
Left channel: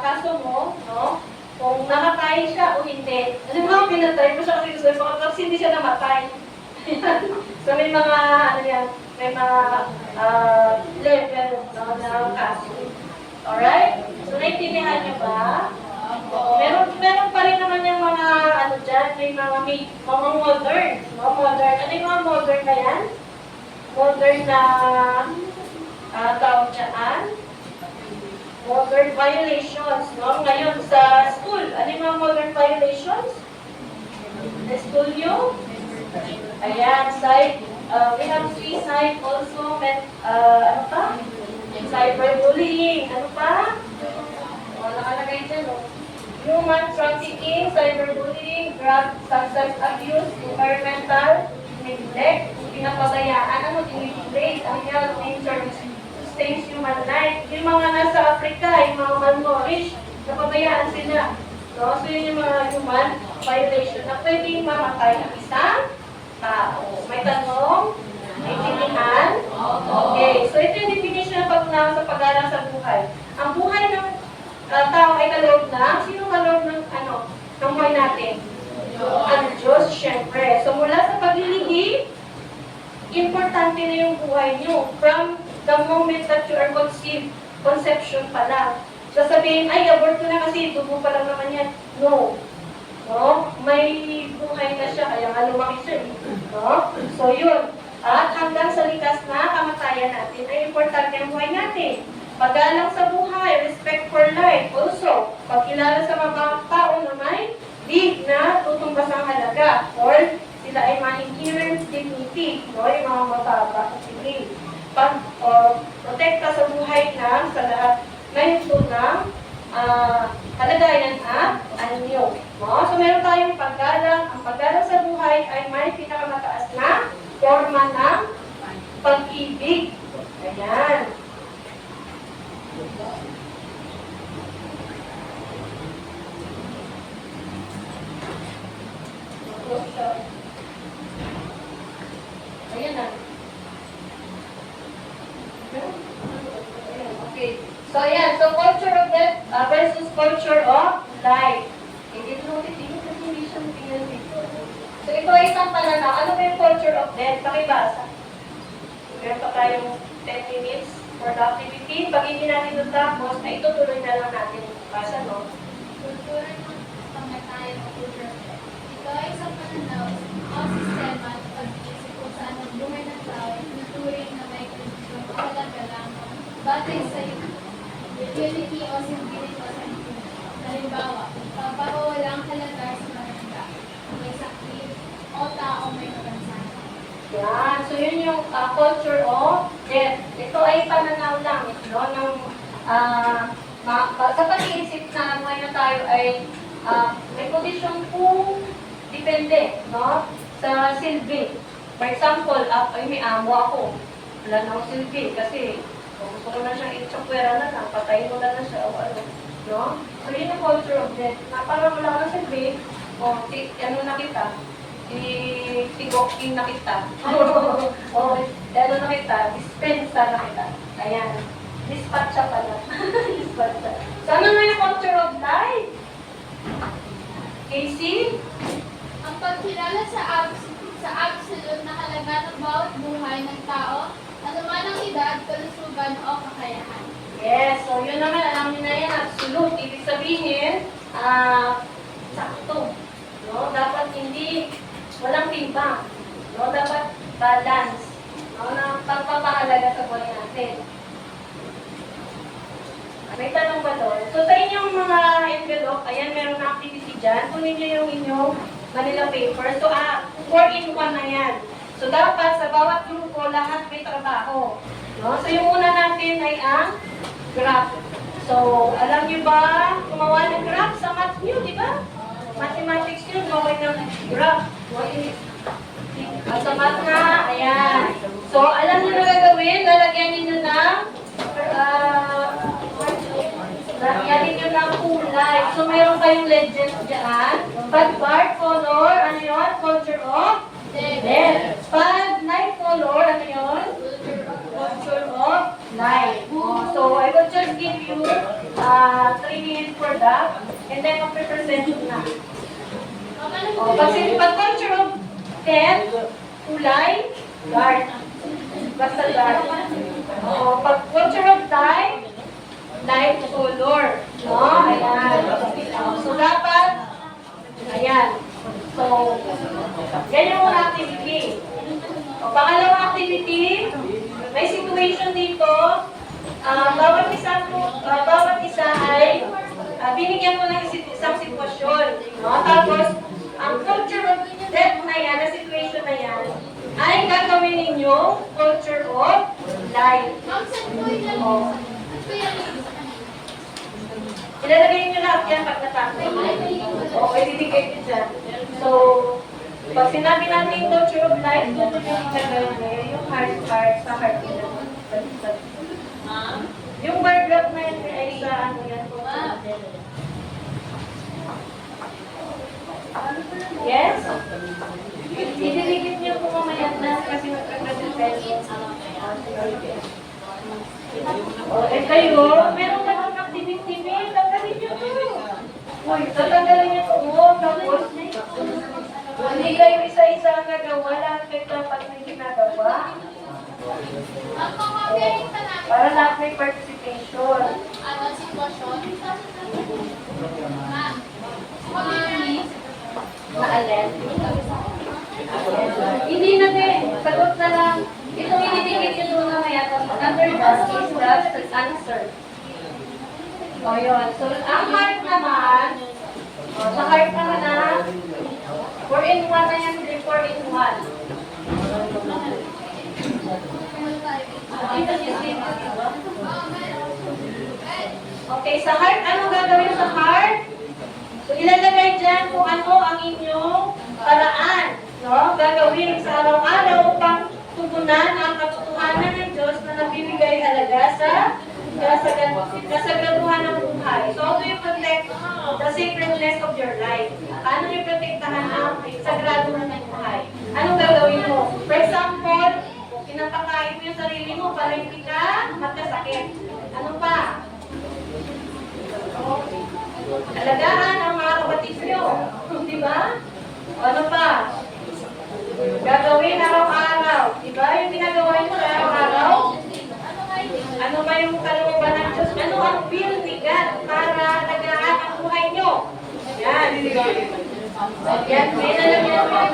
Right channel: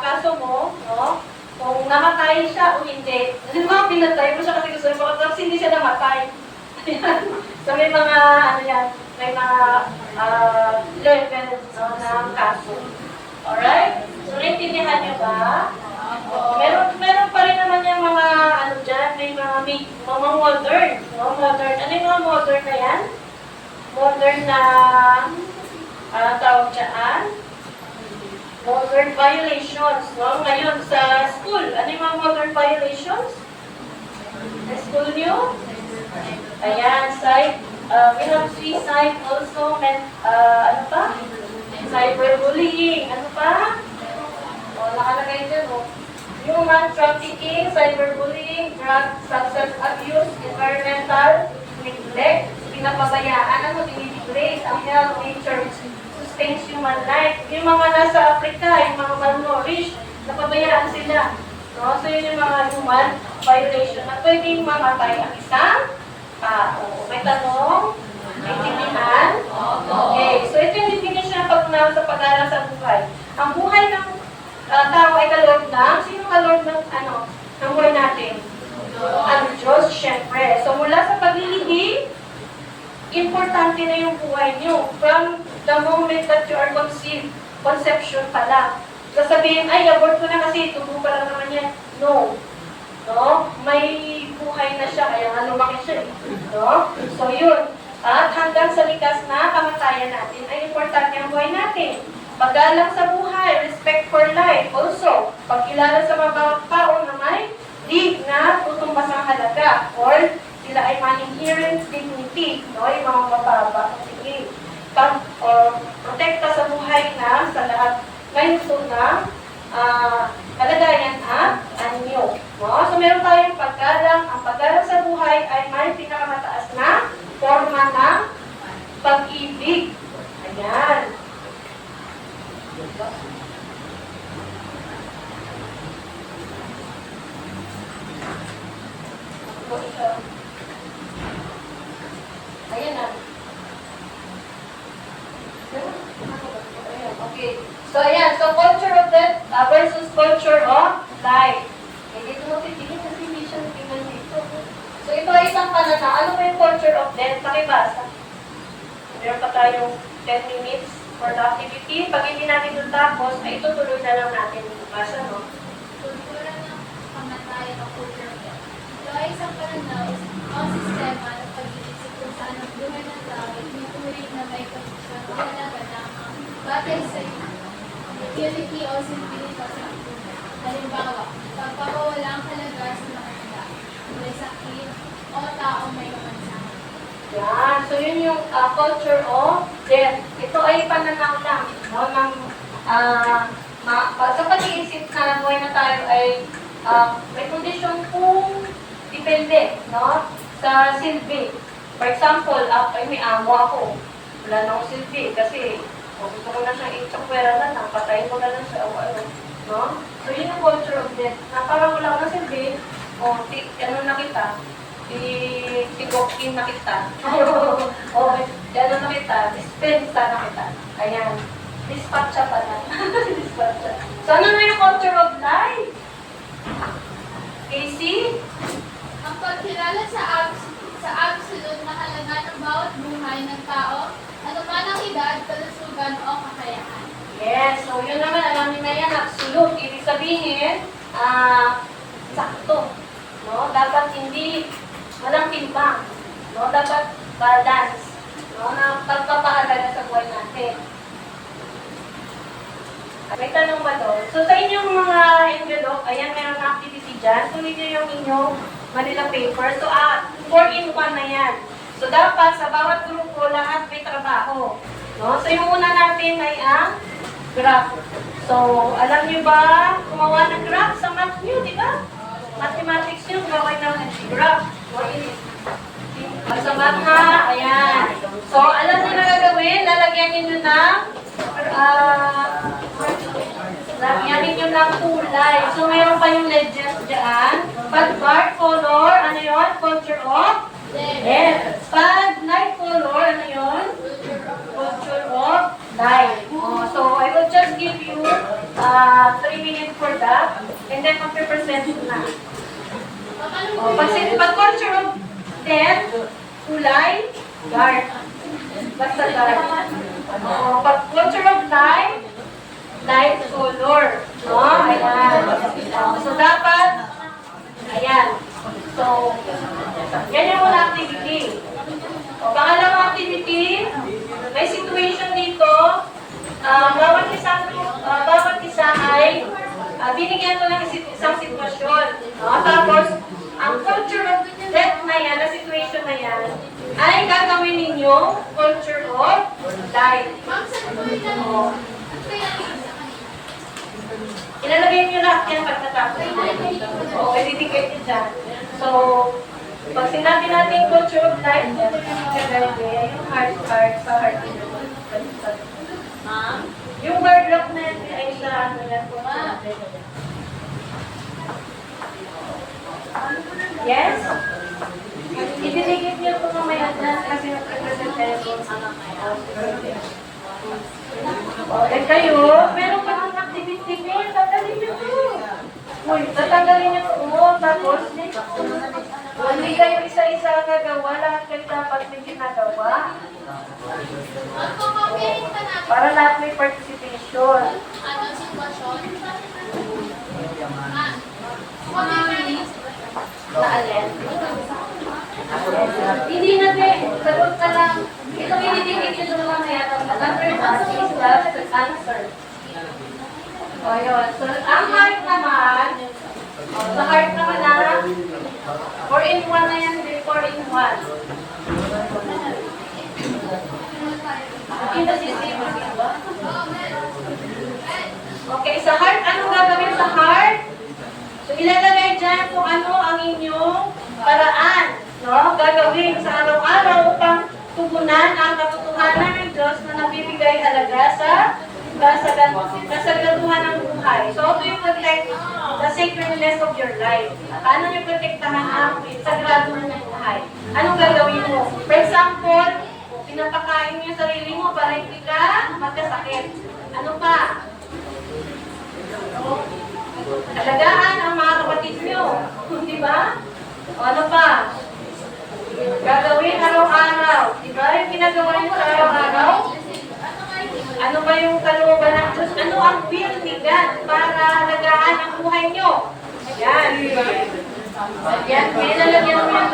kaso mo. No? Kung nakatay siya o hindi. Hindi mo pinatay mo siya kasi gusto mo. Tapos hindi siya namatay. So, may mga, ano yan, may mga levels no, ng kaso. Alright? So, naintindihan niyo ba? Meron pa rin naman yung mga, ano dyan, may mga modern. No? Modern. Ano yung mga modern na yan? Modern na, tawag dyan? Modern violations. No? Ngayon, sa school, ano yung mga modern violations? Sa school nyo? Ayan, we have suicide also, ano pa? Cyberbullying, ano pa? O, nakalagay dyan, o. Human trafficking, cyberbullying, drug substance abuse, environmental neglect, pinapabayaan, dinigrade ang health, nature, sustains human life. Yung mga nasa Africa, yung mga malnourished, napabayaan sila. No? So, yun yung mga human violation na pwedeng mamatay ang isang tao. May tanong? May intindihan? Okay. So, ito yung definition ng pag-unawa sa pag-aaral sa buhay. Ang buhay ng tao ay kaloob ng, sino kaloob ng, ng buhay natin? Ang Diyos, syempre. So, mula sa paglilihim, importante na yung buhay nyo. From the moment that you are conceived, conception pa lang. Sasabihin, ay, abort ko na kasi, tubo pa lang naman yan. No. No? May buhay na siya, kaya nga lumaki siya. No? So, yun. At hanggang sa likas na kamatayan natin, ay importante ang buhay natin. Paggalang sa buhay, respect for life. Also, pagkilala sa mga bawat tao na may di na tutumbas ang halaga. Or, sila ay may inherent dignity. No? Yung mga mababa. Sige. Protekta sa buhay na sa lahat ngayon ito ng kalagayan at anyo. No? So, meron tayong paggalang. Ang paggalang sa buhay ay may pinakamataas na forma ng pag-ibig. Ayan. Ayan na. Okay. So, ayan. So, culture of death versus culture of life. Hindi ito natin kasi hindi siya tingnan dito. So, ito ay isang pananaw. Ano ba yung culture of death? Pakibasa. Meron pa tayong 10 minutes for the activity. Pag hindi natin ito tapos, ay itutuloy na lang natin yung basa, no? Kultura ng pangatayan o culture of death. Ito ay isang pananaw o sistema ng pag-iisip kung saan ang buhay ng tao ay tinuturing na may kondisyon o halaga lamang batay sa utility o simbilito sa buhay. Halimbawa, pagpapawala ang halaga sa mga may sakit o tao may kapansanan. Yan. So, yun yung culture of death. Ito ay pananaw lang, no? Ng, sa pag-iisip na buhay na tayo ay may kondisyon kung depende, no? Sa silbi. For example, may amo ako. Wala na akong silbi kasi gusto ko na siyang itsapwera na lang, patayin ko na lang siya o ano. No? So, yun yung culture of death. Na parang wala ka na silbi, ano na kita, tigokin na kita. O, ano na kita, dispensa na kita. Ayan. Dispatcha pala. Dispatcha. So, ano na yung culture of life? Casey? Ang pagkilala sa absolute na halaga ng bawat buhay ng tao, ano man ang edad, kalusugan o kakayahan. Yes. So, yun naman, alam niyo na yan, absolute. Ibig sabihin, sakto. No? Dapat hindi, walang timbang. No? Dapat balance. No? Na pagpapahalaga sa buhay natin. May tanong ba doon? So, sa inyong mga envelope, ayan, meron na activity dyan. Kunin niyo yung inyong Manila paper. So, 4-in-1 na yan. So, dapat sa bawat grupo, lahat may trabaho. No? So, yung una natin ay ang graph. So, alam niyo ba gumawa ng graph sa math niyo, di ba? Mathematics niyo, gumawa ng graph. Sa math na, ayan. So, alam niyo na gagawin, lalagyan niyo ng Yamin nyo ng kulay. So, mayroon kayong legends dyan. Pag dark color, ano yun? Culture of death. Pag light color, ano yun? Culture of life. So, I will just give you 3 minutes for that. And then, magpe-present na. Pag culture of death, kulay, dark. Basta dark. Pag culture of life, light color. No? Ayan. So, dapat, ayan. So, yan yung una activity. Pangalawang activity, may situation dito. Bawat isa ay binigyan mo ng isang sitwasyon. No? Tapos, ang culture of death na yan, na situation na yan, ay gagawin ninyong culture of life. Ma'am, saan po yan? Oh. Saan po yan? Ilalagay nyo lahat yan pag natapos. Oo, ibibigay nyo dyan. So, pag sinabi natin culture of life, dito yung ilalagay, yung heart sa heart. Yung word lock na yan ay sa ano yan, culture of life. Yes? Ibibigay nyo po mamaya dyan kasi magkakasin tayo sa eh kayo, meron pa ng activity mail, tatanggalin nyo to. Uy, tatanggalin nyo to. Tapos, hindi kayo isa-isa ang gagawa, lahat kayo dapat may ginagawa. Ma'am, pamapirin pa natin. Para lahat may participation. Ano, sitwasyon? Ma'am, pamapirin yung sitwasyon. Na-alert. Hindi na din. Sagot na lang. Ito binibigay nyo doon mga yan. Number 1 is the answer. O yun. So, ang heart naman, sa heart naman na, 4-in-1 na yan, 4-in-1. Ito si Steve. Okay, sa heart, anong gagawin sa heart? So, ilalagay dyan kung ano ang inyong paraan, no? Gagawin sa araw-araw upang tugunan ang katotohanan ng Diyos na nagbibigay halaga sa kasagaduhan ng buhay. So, how do you protect the sacredness of your life? Paano niyo protektahan ang sagrado ng buhay? Anong gagawin mo? For example, pinapakain niyo sarili mo para hindi ka magkasakit. Ano pa? Alagaan ang mga kapatid nyo. Di ba? O ano pa? Gagawin araw-araw. Di ba? Yung ginagawa nyo sa araw-araw? Ano ba yung kalooban ng Diyos? Ano ang will ni God para alagaan ang buhay nyo? Yan. Yan. May nalagyan mo yan.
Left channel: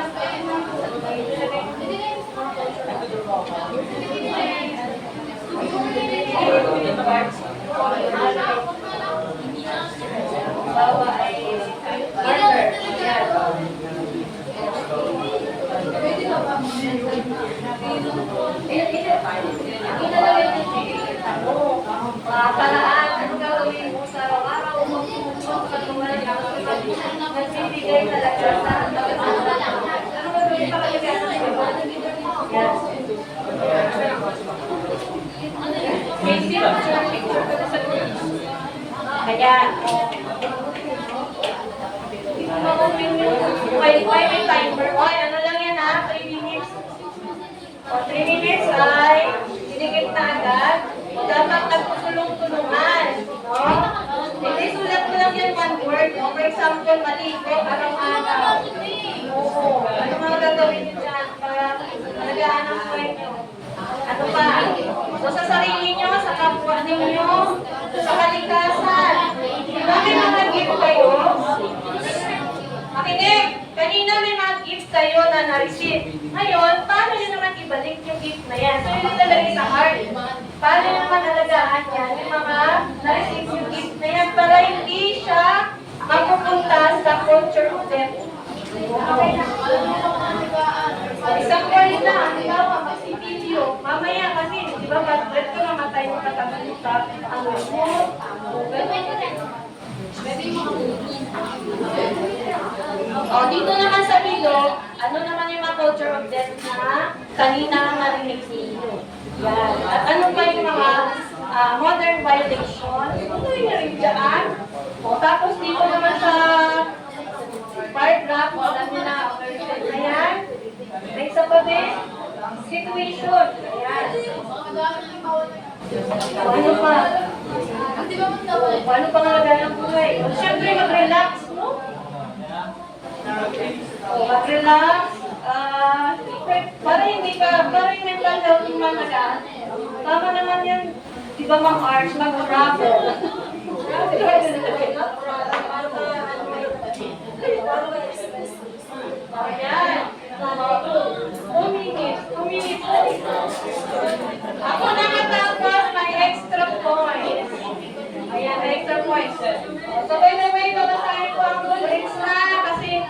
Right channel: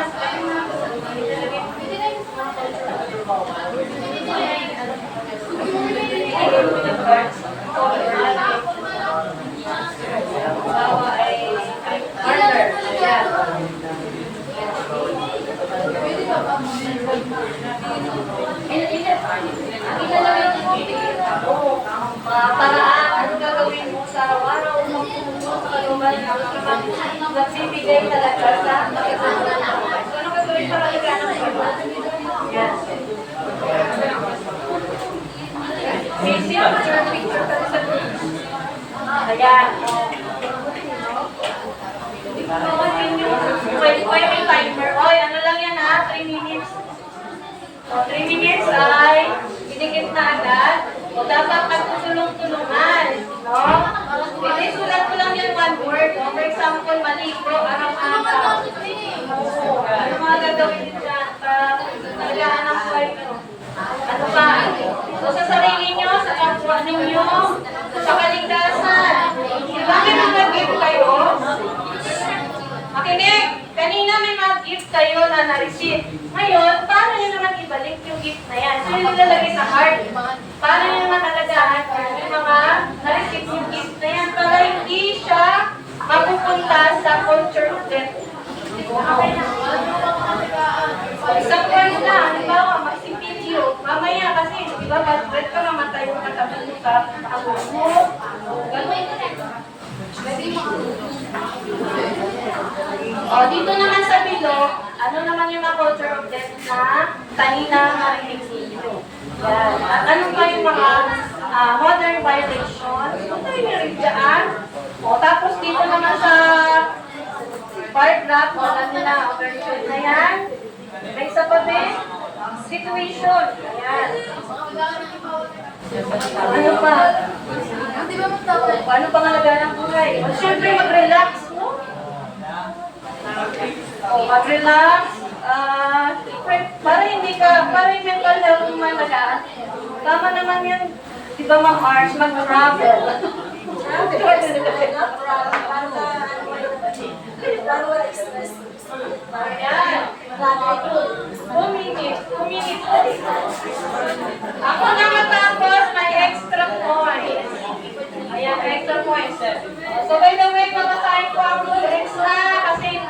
Bawa ay partner. Yan. Paraan, ano gagawin mo sa araw-araw upang tumunod sa kalooban ng nagbibigay talaga sa ano gagawin para alagaan ang buhay? Yan. Picture ka sa ayan. May timer. Oy, ano lang yan ha? 3 minutes. O, 3 minutes ay dinikit na agad. O, dapat nagtutulong-tulungan. No? Hindi, sulat ko lang yan 1 word. O, for example, maligo, araw-araw. Oo. Ano mga gagawin nyo dyan para alagaan ang buhay nyo? Ano pa? So, sa sarili nyo, sa kapwa ninyo, sa kaligtasan. Diba may mga gift kayo? Makinig! Kanina may mga gift kayo na na-receive. Ngayon, paano nyo naman ibalik yung gift na yan? So, yung nilalagay sa heart. Paano nyo naman alagaan yan? Yung mga na-receive yung gift na yan para hindi siya mapupunta sa culture of death. Isang word na, halimbawa, magsipilyo. Mamaya kasi, di ba, pag-bread ka, mamatay yung katabi mo sa ang mo. O, dito naman sa bilog, ano naman yung mga culture of death na kanina narinig ninyo. Yan. At ano pa yung mga modern violations. Kung tayo rin dyan. O, tapos dito naman sa paragraph, wala nila, version na yan. May isa pa din, situation. Ayan. Ano pa? Di ba magtawag? Paano pangalagaan ng buhay? O, siyempre, mag-relax, no? O, mag-relax. Para yung mental health yung malagaan. Tama naman yan. Di ba, Ma'am Arch, mag-travel. Ayan. 2 minutes. 2 minutes. Ako na matapos, may extra points. Ayan, extra points. So, by the way, babasahin ko ang rules na kasi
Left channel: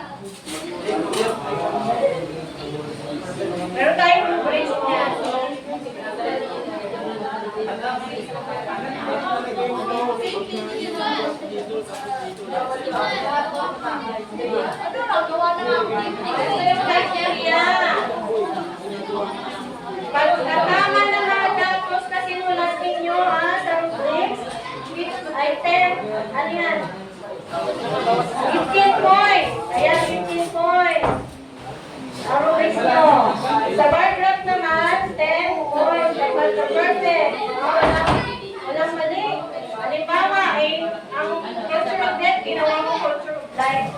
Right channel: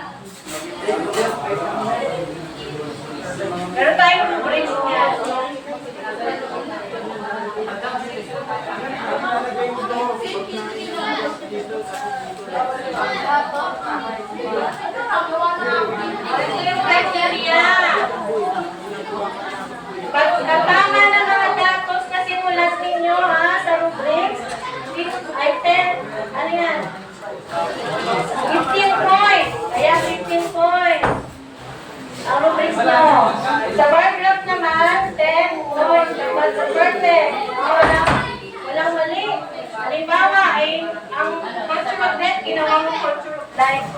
meron tayong rules niya. Ito yung criteria. Pagkatama ng mga datos na sinulat ninyo sa rubrics, item, ano yan? 15 points. Ayan, 15 points. Ang rubrics nyo. Sa bar graph naman, 10 points. Sa perfect. Walang mali. Halimbawa, ang culture of death, ginawa mo culture of life.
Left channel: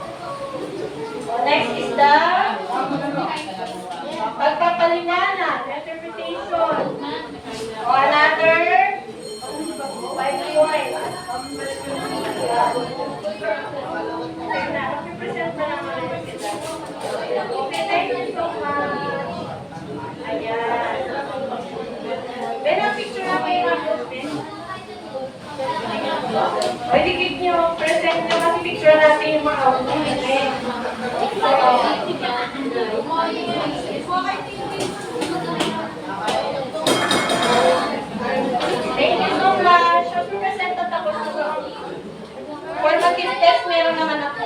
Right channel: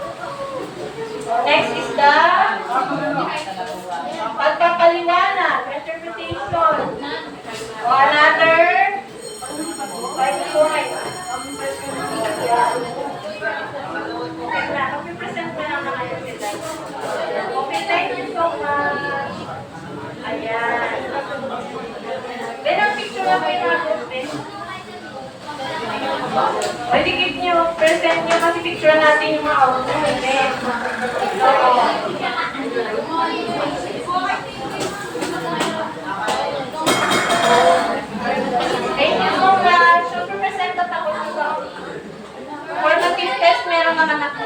So, next is the pagpapaliwanag, interpretation. O, another 5 points. Okay na, mag-present na lang naman yung sila. Okay, thank you so much. Ayan. Then, ang picture na kayo na group. O, dikit nyo, present nyo kasi picture natin yung mga outcome. Thank you so much. So, present at ako sa formative test, meron naman ako.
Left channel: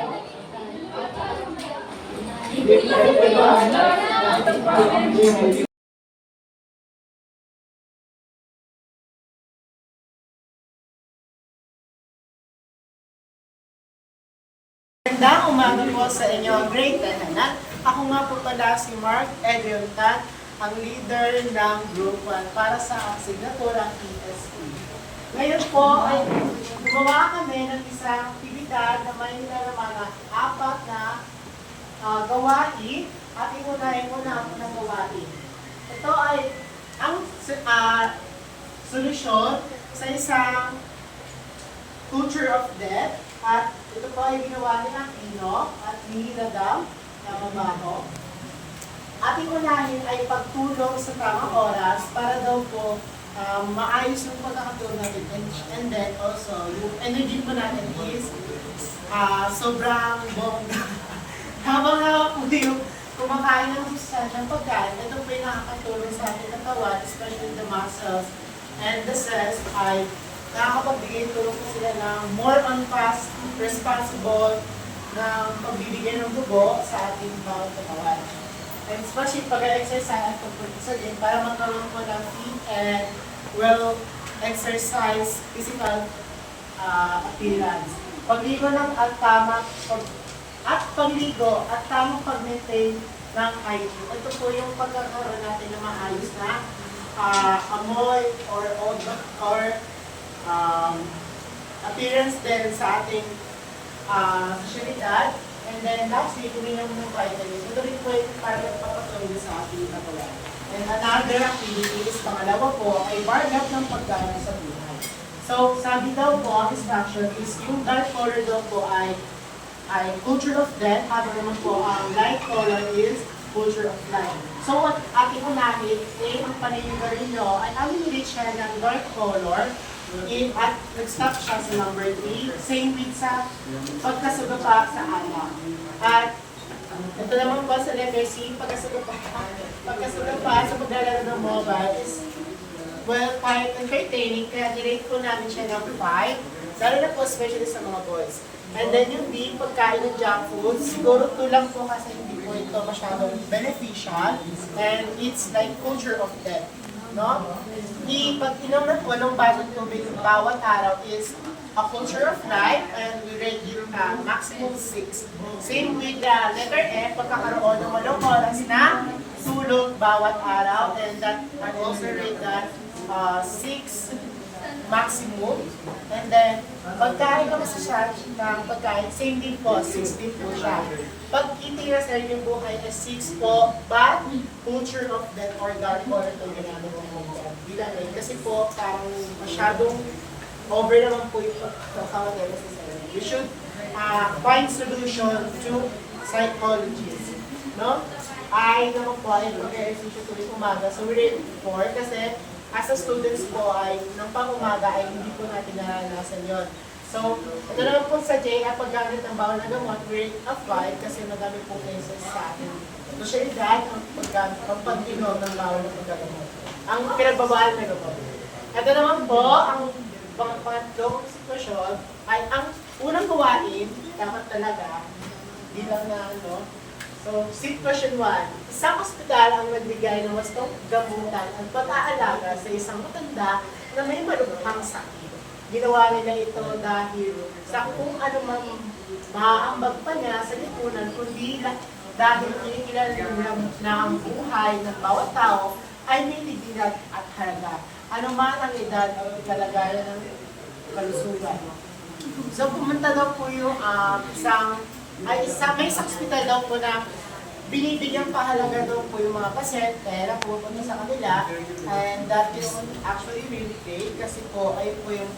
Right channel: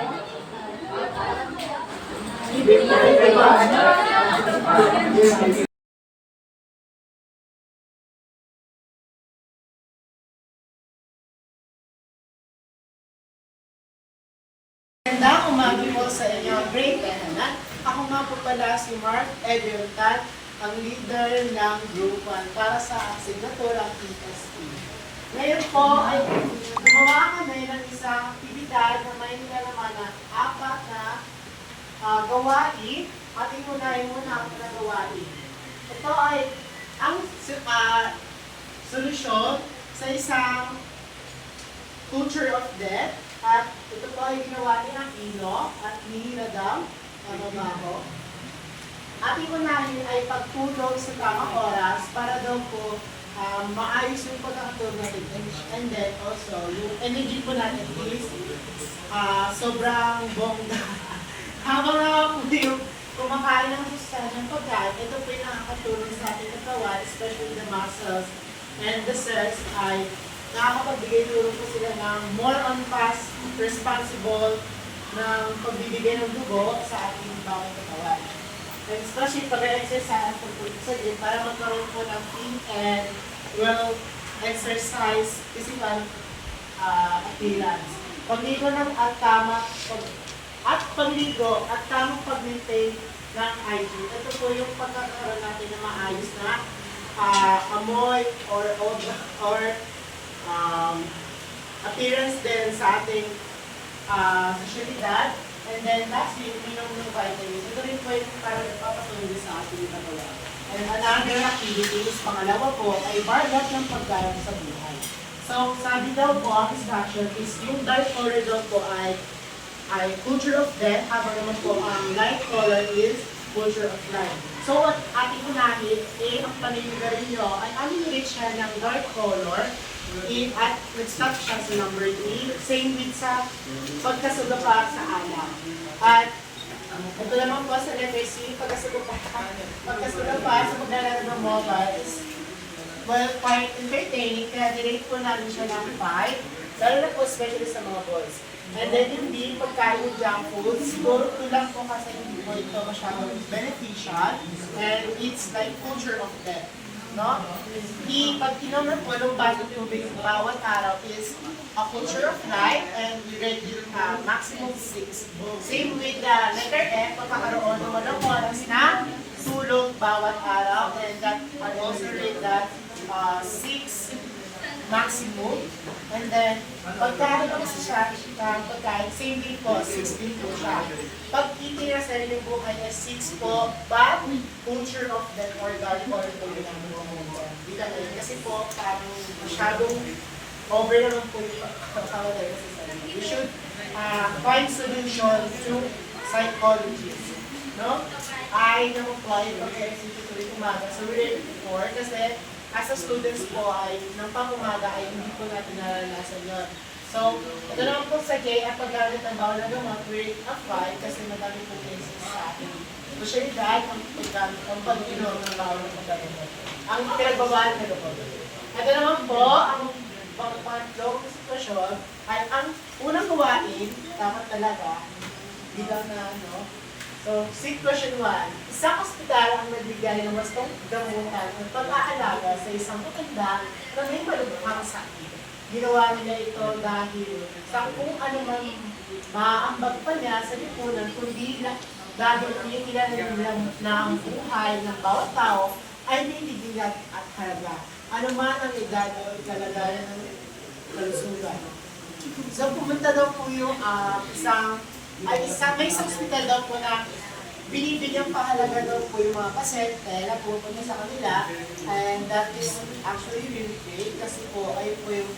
Magandang umaga po sa inyo, grade 10 na. Ako nga po pala si Mark Edwintan, ang leader ng Group 1 para sa asignaturang ESP. Ngayon po ay gumawa kami ng isang aktibidad na may naman na 4 na gawain at inunahin muna ako na gawain. Ito ay ang solusyon sa isang culture of death. At ito po ay ginawa ni Aquino at ni Nadam na mabaho. Ating unahin ay pagtulong sa tamang oras para daw po maayos yung pagkakatulog natin. And then also, yung energy po natin is sobrang bongga. Habang na po yung kumakain ng sustansya ng pagkain, ito po yung nakakatulong sa ating katawan, especially the muscles and the cells ay nakakapagbigay tulong po sila ng more on fast, responsible ng pagbibigay ng dugo sa ating bawat katawan. And especially pag-exercise at pagpunta sa gym para magkaroon po ng fit and well exercise physical appearance. Pagligo ng pagligo at tamang pag-maintain ng hygiene. Ito po yung pagkakaroon natin ng maayos na amoy or appearance din sa ating sosyalidad. And then lastly, uminom ng vitamins. Ito rin po yung para nagpapatuloy sa ating katawan. And another activity is pangalawa po ay bar graph ng paggalang sa buhay. So sabi daw po ang instruction is yung dark color daw po ay culture of death, habang naman po ang light color is culture of life. So what ating unahin, ang paninigarin nyo ay alin siya ng dark color at nag-stop siya sa number 3, same with sa pagkasugapa sa alam. At ito naman po sa level C, pagkasugapa sa paglalaro ng mobile is well, quite entertaining, kaya direct po namin siya ng 5, lalo na po especially sa mga boys. And then yung D, pagkain ng junk food, siguro kulang po kasi hindi po ito masyadong beneficial and it's like culture of death. no? Pag-inom ng 8 basong tubig bawat araw is a culture of life, and we rate it maximum 6. Same with the letter F, pagkakaroon ng 8 oras na tulog bawat araw, and that I also rate that 6 maximum. And then, pagkain naman siya ng pagkain, same din po, 6 din po siya. Pag itira sa rin yung buhay is 6 po, but culture of death or God or ito yung namin ng mga bilang rin. Kasi po, parang masyadong over naman po yung pagkakaroon sa sarili. We should find solution to psychologists. No? Ay naman po ay pag-execute tuloy umaga. So, we're ready for kasi as a students po ay ng pang-umaga ay hindi po natin naranasan yun. So, ito naman po sa JF, paggamit ng bawal na gamot, rate of 5 kasi madami pong cases sa atin. Spesyalidad ang paggamit, ang pag-inom ng bawal na paggamot. Ang pinagbabawal na po. Ito naman po, ang pangatlong sitwasyon ay ang unang gawain, dapat talaga, bilang na So, sitwasyon 1, isang ospital ang nagbigay ng wastong gamutan at pag-aalaga sa isang matanda na may malubhang sakit. Ginawa nila ito dahil sa kung ano man maaambag pa niya sa lipunan, kundi dahil kinikilala nila na ang buhay ng bawat tao ay may dignidad at halaga. Ano man ang edad o kalagayan ng kalusugan. So, pumunta daw po yung may isang hospital daw po na binibigyang pahalaga daw po yung mga pasyente na pupunta sa kanila, and that is actually really great kasi po ay po yung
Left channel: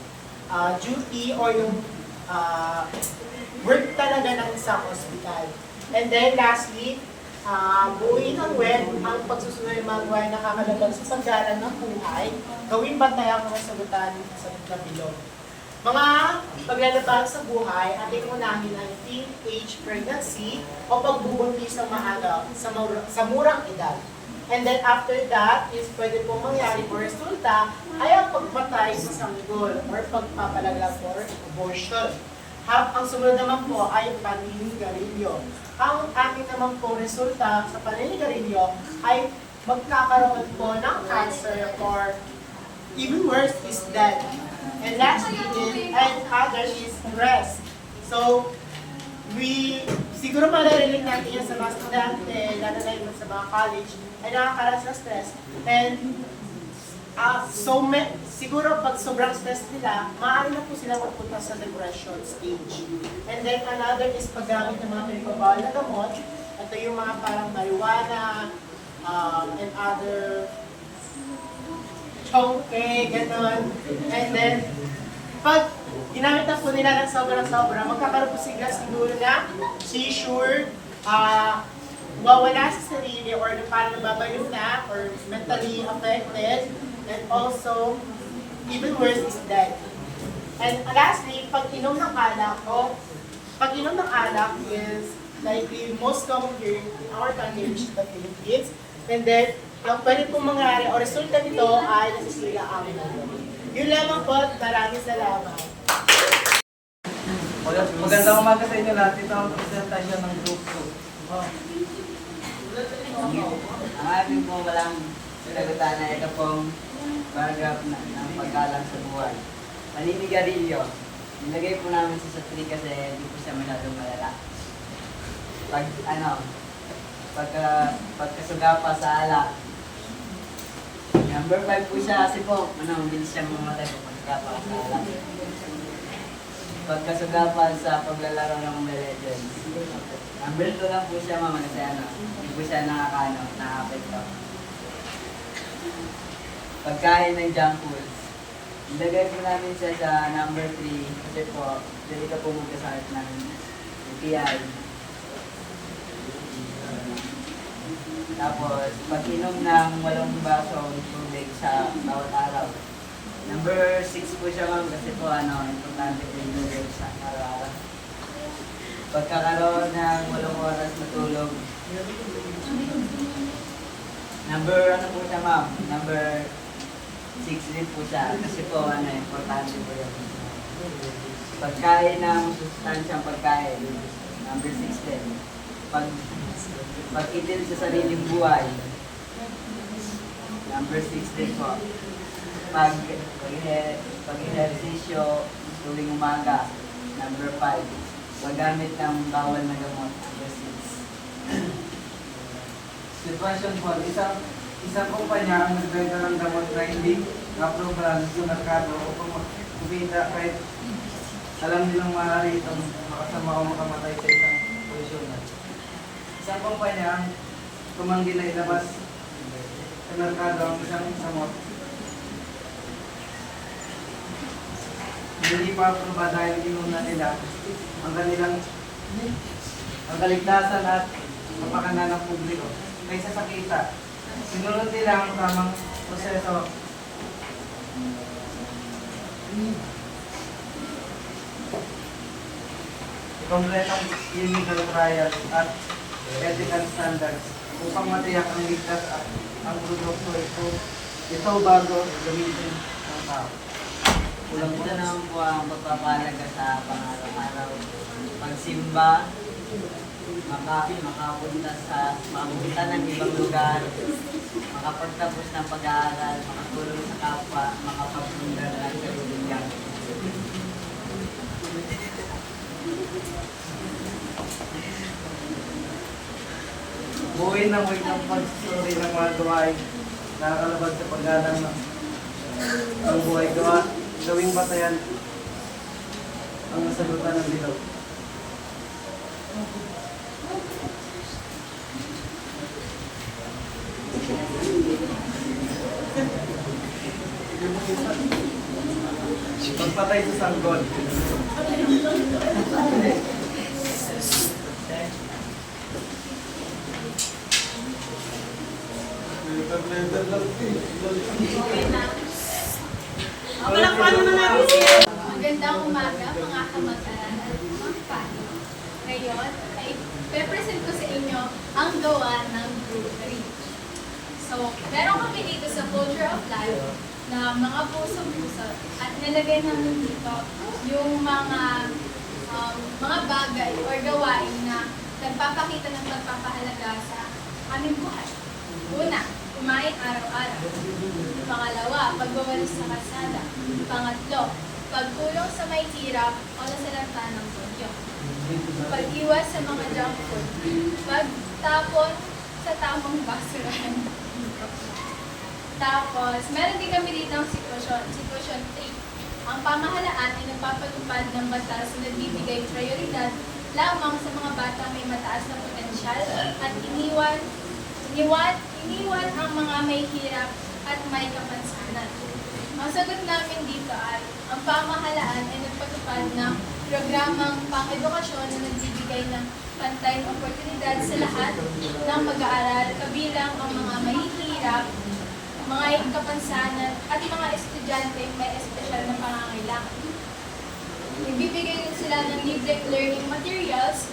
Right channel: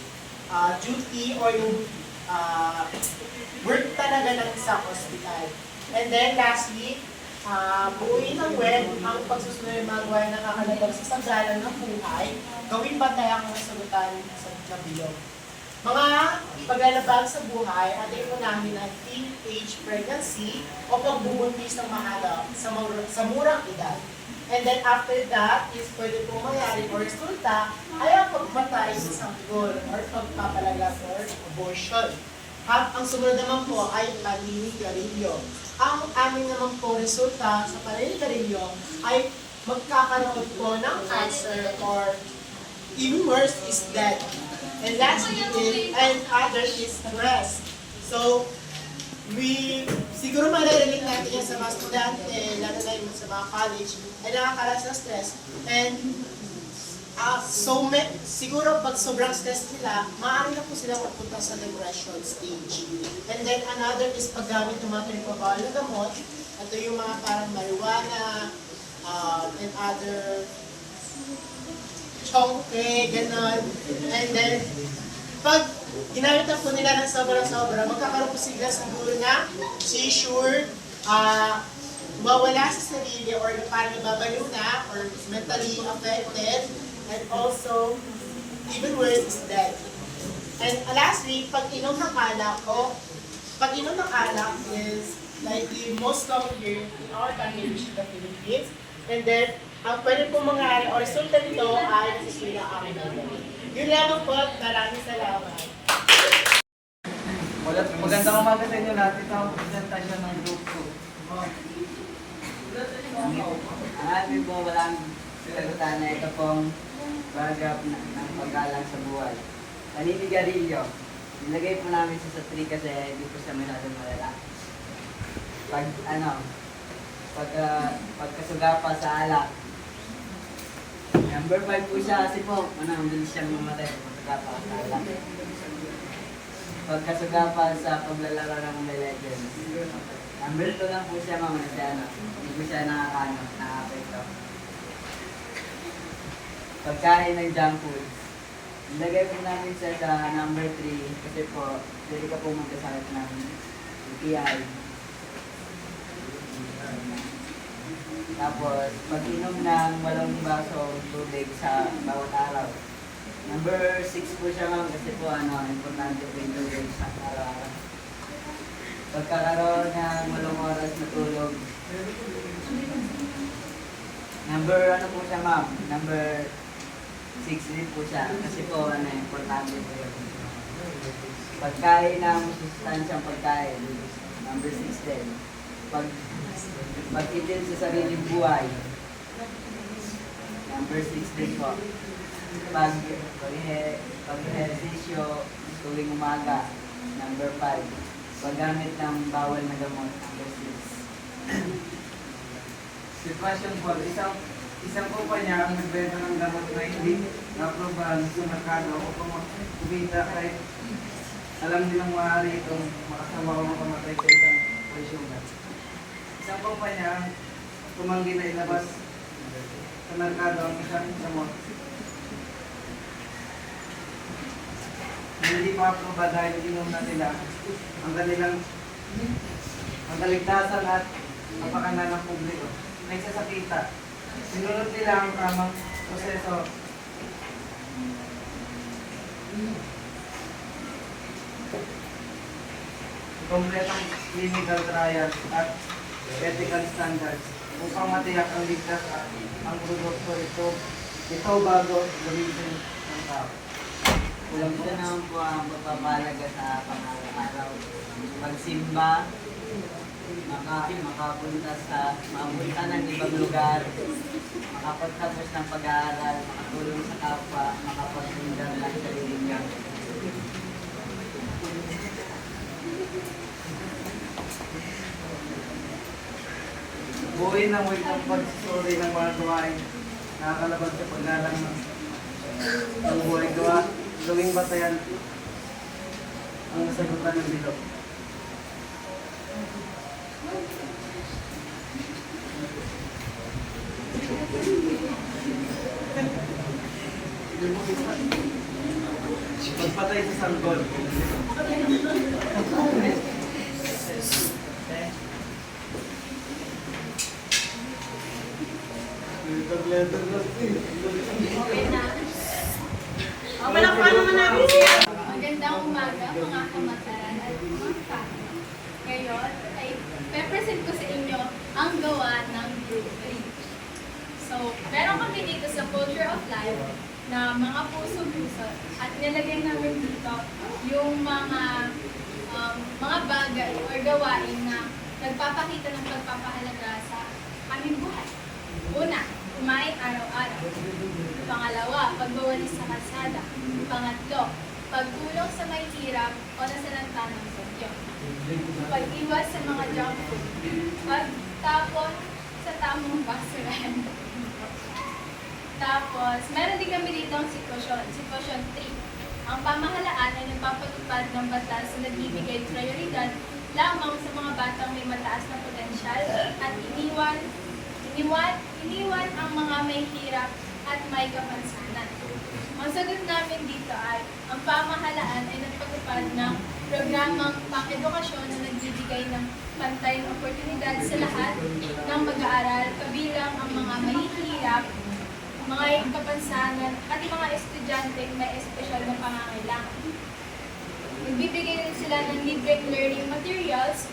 duty or yung work talaga ng isang hospital. And then lastly, buuin ng web ang pagsusunod ng mga gawain na nakakalabag sa sagdalan ng buhay, gawing bantay ang mga sagutan sa kabilog. Mga paglalabag sa buhay, ating unahin ang teenage pregnancy o pagbubuntis ng maaga sa murang edad. And then after that, is pwede pong mangyari o resulta ay ang pagpatay sa sanggol or pagpapalaglag or abortion. Ang sumunod naman po ay paninigarilyo. Ang amin naman po resulta sa paninigarilyo ay magkakaroon po ng cancer or even worse is death. And lastly, and other is stress. So, siguro maririnig natin yan sa mga estudyante, lalo na yun sa mga college, ay nakakalas na stress. And siguro pag sobrang stress nila, maaari na po sila magpunta sa depression stage. And then another is paggamit ng mga pinipabawal na gamot. Ito yung mga parang marijuana, and other chongke, gano'n. And then, pag ginamit na po nila ng sobra-sobra, magkakaroon po sila siguro na seizure, wawala sa sarili, or parang nababaliw na, or mentally affected, and also, even worse is death. And lastly, pag-inom ng alak, is like the most common here in our country, which is the Philippines. And then, ang pwede pong mangyari o resulta nito ay nasisira ang mundo. Yun lamang po, maraming salamat. Magandang umaga sa inyo lahat. Ito ang presentasyon ng Group 2. Ang amin po walang sagutan na ito pong paragraph ng paggalang sa buhay. Paninigarilyo. Nilagay po namin sa 3 kasi hindi po siya masyadong malala. Pagkasuga sa alak. Number 5 po siya kasi po, bilis siya mamatay pag pagkasuga sa alak. Pagkasuga sa paglalaro ng Mobile Legends. Number 2 lang po siya kasi hindi po siya nakaka-apekto. Pagkain ng junk foods. Ilagay po namin siya sa number 3 kasi po, pwede ka po magkasakit ng UTI. Tapos, pag-inom ng 8 baso tubig sa bawat araw. Number 6 po siya kasi po importante po yung tubig sa araw-araw. Pagkakaroon ng 8 oras na tulog. Number po siya number 6 din po siya kasi po importante po yun. Pagkain ng sustansyang pagkain. Number 6 din. Pag-itil sa sariling buhay. Number 6 din po. Pag-ehersisyo tuwing umaga. Number 5. Paggamit ng bawal na gamot. Number 6. Sitwasyon po, isang kumpanya ang nagbenta ng gamot na hindi aprobahan sa merkado o kumita kahit alam nilang maaari itong makasama o makamatay sa isang posisyonan. Isang kumpanya ang tumanggi na ilabas sa merkado ang isang gamot hindi pa aproba dahil inuna nila ang kanilang ang kaligtasan at kapakanan ng publiko. Kaysa sa kita, sinunod nila ang tamang proseso. Kompletong clinical trial at ethical standards upang matiyak ang ligtas at ang produkto ito bago gamitin ng tao. Kulang po naman po ang pagpapalaga sa pang-araw-araw. Pagsimba, mapunta ng ibang lugar, makapagtapos ng pag-aaral, makatulong sa kapwa, makapagpundang ng sariling gamit. Buuin ang wikang pagsusuri ng mga gawain nakakalabag sa paggalang ng buhay gawing batayan ang nasagutan ng bilog. Pagpatay sa sanggol. Magandang umaga mga kamag-aral at mga paano. Ngayon ay pe-present ko sa inyo ang gawa ng Group 3. So, meron kami dito sa Culture of Life na mga puso-puso at nilagay namin dito yung mga bagay or gawain na nagpapakita ng pagpapahalaga sa aming buhay. Una, kumain araw-araw. Pangalawa, pagbawalis sa kalsada. Pangatlo, pagtulong sa may hirap o nasalanta ng bagyo. Pag-iwas sa mga junk food. Pagtapon sa tamang basurahan. Tapos, meron din kami dito ang sitwasyon 3. Ang pamahalaan ay nagpapatupad ng batas na nagbibigay prioridad lamang sa mga batang may mataas na potensyal at iniwan ang mga may hirap at may kapansanan. Ang sagot namin dito ay, ang pamahalaan ay nagpatupad ng programang pang-edukasyon na nagbibigay ng pantay na oportunidad sa lahat ng pag-aaral, kabilang ang mga mahihirap, mga kapansanan, at mga estudyante may espesyal na pangangailangan. Nagbibigay rin sila ng libreng learning materials,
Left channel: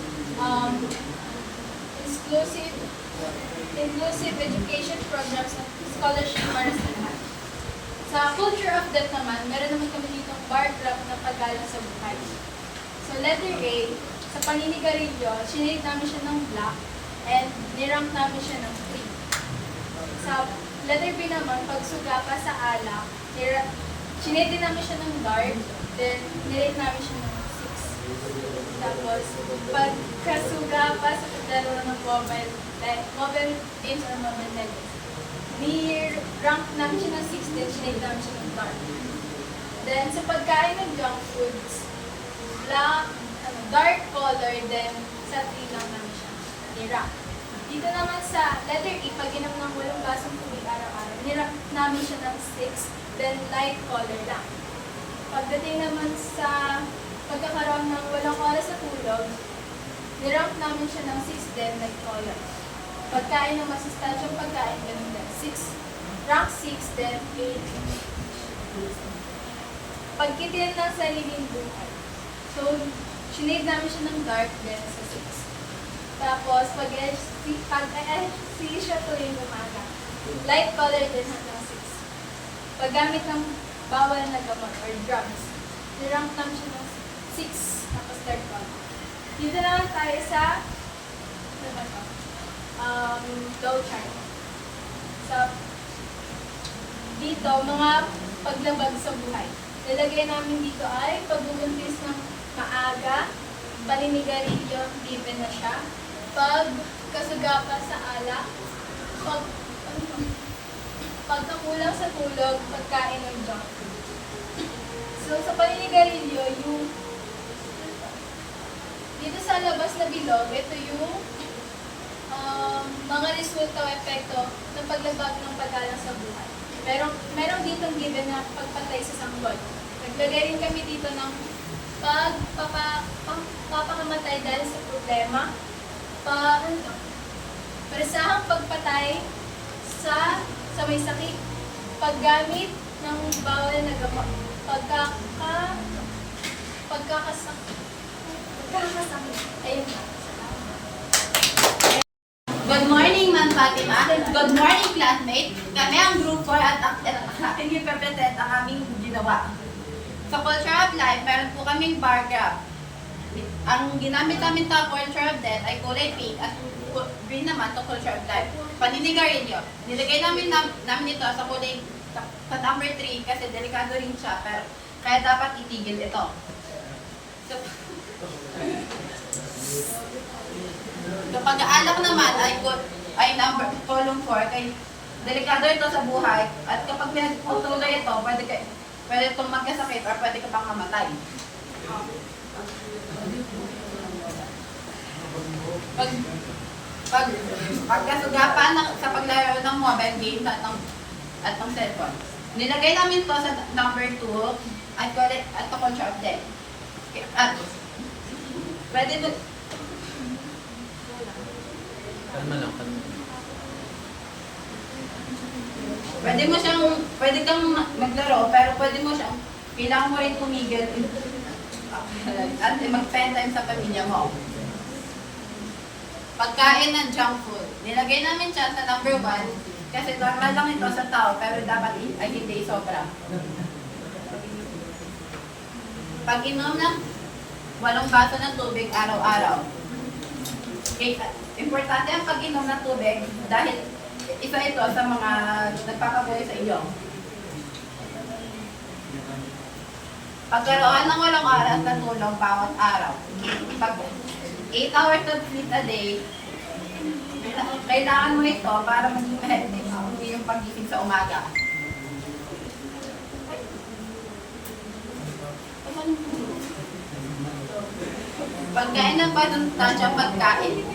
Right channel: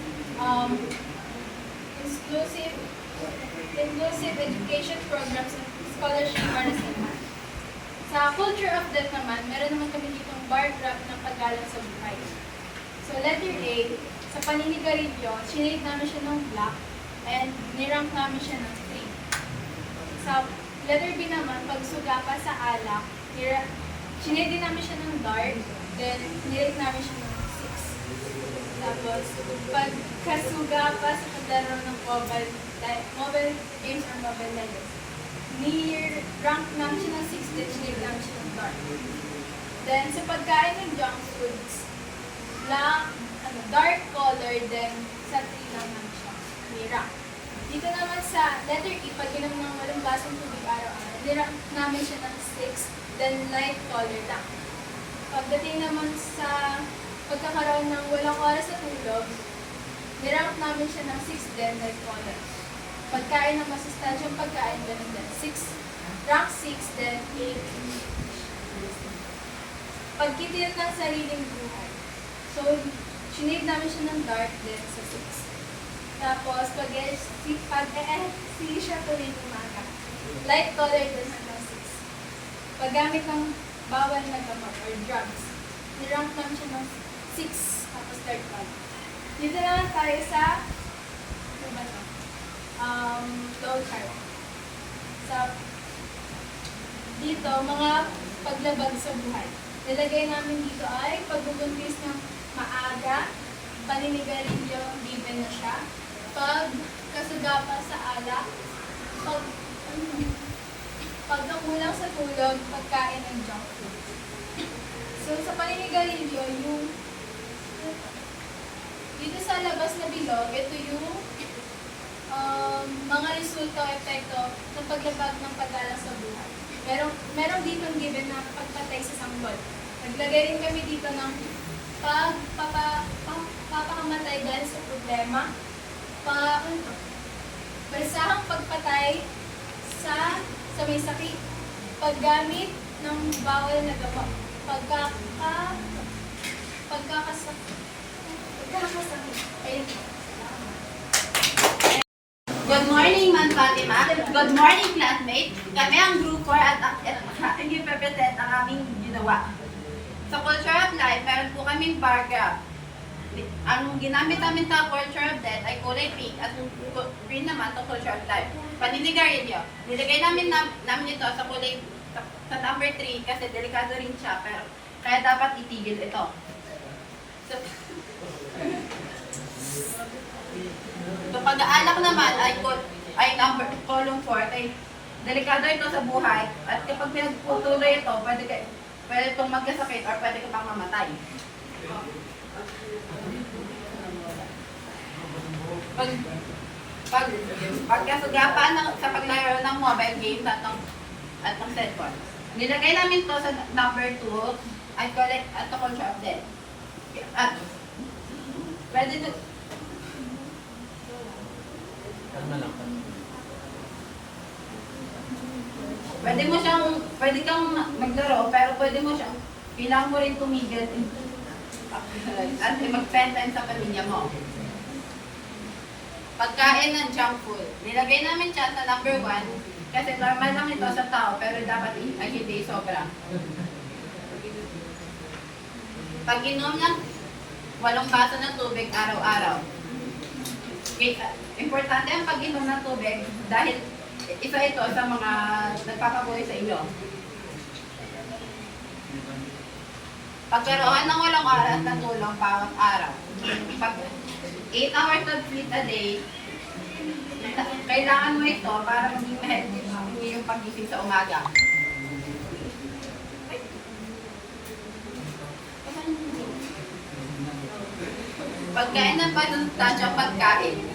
inclusive education programs at scholarship para sa lahat. Sa Culture of Death naman, meron naman kami ditong bar graph ng paggalang sa buhay. So letter A, sa paninigarilyo, sinate namin siya ng black and nirank namin siya ng 3. Sa letter B naman, pagsuga pa sa alak, sinate din namin siya ng dark, then nirate namin siya ng 6. Tapos, pagkasuga pa sa paglaro ng mobile games or mobile legends, ni-rank namin siya ng 6 din, sinate namin siya ng dark. Then, sa pagkain ng junk foods, dark color, then sa 3 lang namin siya ni-rank. Dito naman sa letter E, pag inom ng 8 basong tubig araw-araw, ni-rank namin siya ng 6, then light color lang. Pagdating naman sa pagkakaroon ng 8 oras sa tulog, ni-rank namin siya ng 6 din, light color. Pagkain ng masustansyang pagkain, ganun din. Rank 6, then 8. Pagkitil ng sariling buhay. So, sinade namin siya ng dark din sa 6. Tapos, pag-ehersisyo tuwing umaga. Light color din hanggang 6. Paggamit ng bawal na gamot or drugs, ni-rank namin siya ng 6. Tapos third color. Dito naman tayo sa flow chart. So, dito, mga paglabag sa buhay. Nilagay namin dito ay pagbubuntis ng maaga, paninigarilyo, given na siya, pagkasugapa sa alak, pagkakulang sa tulog, pagkain ng junk food. So, sa paninigarilyo, yung dito sa labas na bilog, ito yung mga resulta o epekto ng paglabag ng paggalang sa buhay. Pero meron ditong given na pagpatay sa sanggol. Naglagay rin kami dito ng pagpapakamatay dahil sa problema, presahang pagpatay sa may sakit, paggamit ng bawal na gamot, pagkakasakit. Ayun. Good morning, Ma'am Fatima. Good morning, classmate. Kami ang Group 4 at ating i-present ang aming ginawa. Sa Culture of Life, meron po kaming bar graph. Ang ginamit namin sa Culture of Death ay kulay pink at green naman sa Culture of Life. Paninigarilyo. Nilagay namin ito sa kulay sa number 3 kasi delikado rin siya, pero kaya dapat itigil ito. So, pag-aalak naman ay number column 4 kay delikado ito sa buhay at kapag pinagputuloy ito, pwede itong magkasakit or pwede ka pang mamatay. Pagkasugapan sa paglaro ng mobile game at ng cellphone. Nilagay namin to sa number 2 at the Culture of Death. At pwede to pwede kang maglaro, pero pwede mo siyang, kailangan mo rin tumigil at mag-spend time sa pamilya mo. Pagkain ng junk food. Nilagay namin siya sa number 1 kasi normal lang ito sa tao, pero dapat ay hindi sobra. Pag-inom ng 8 baso ng tubig araw-araw. Okay, importante ang pag-inom ng tubig dahil isa ito sa mga nagpapabuhay sa iyo. Pagkaroon ng 8 oras na tulog bawat araw. 8 hours of sleep a day, kailangan mo ito para maging healthy yung pagising sa umaga. Pagkain ng panuntansya pagkain.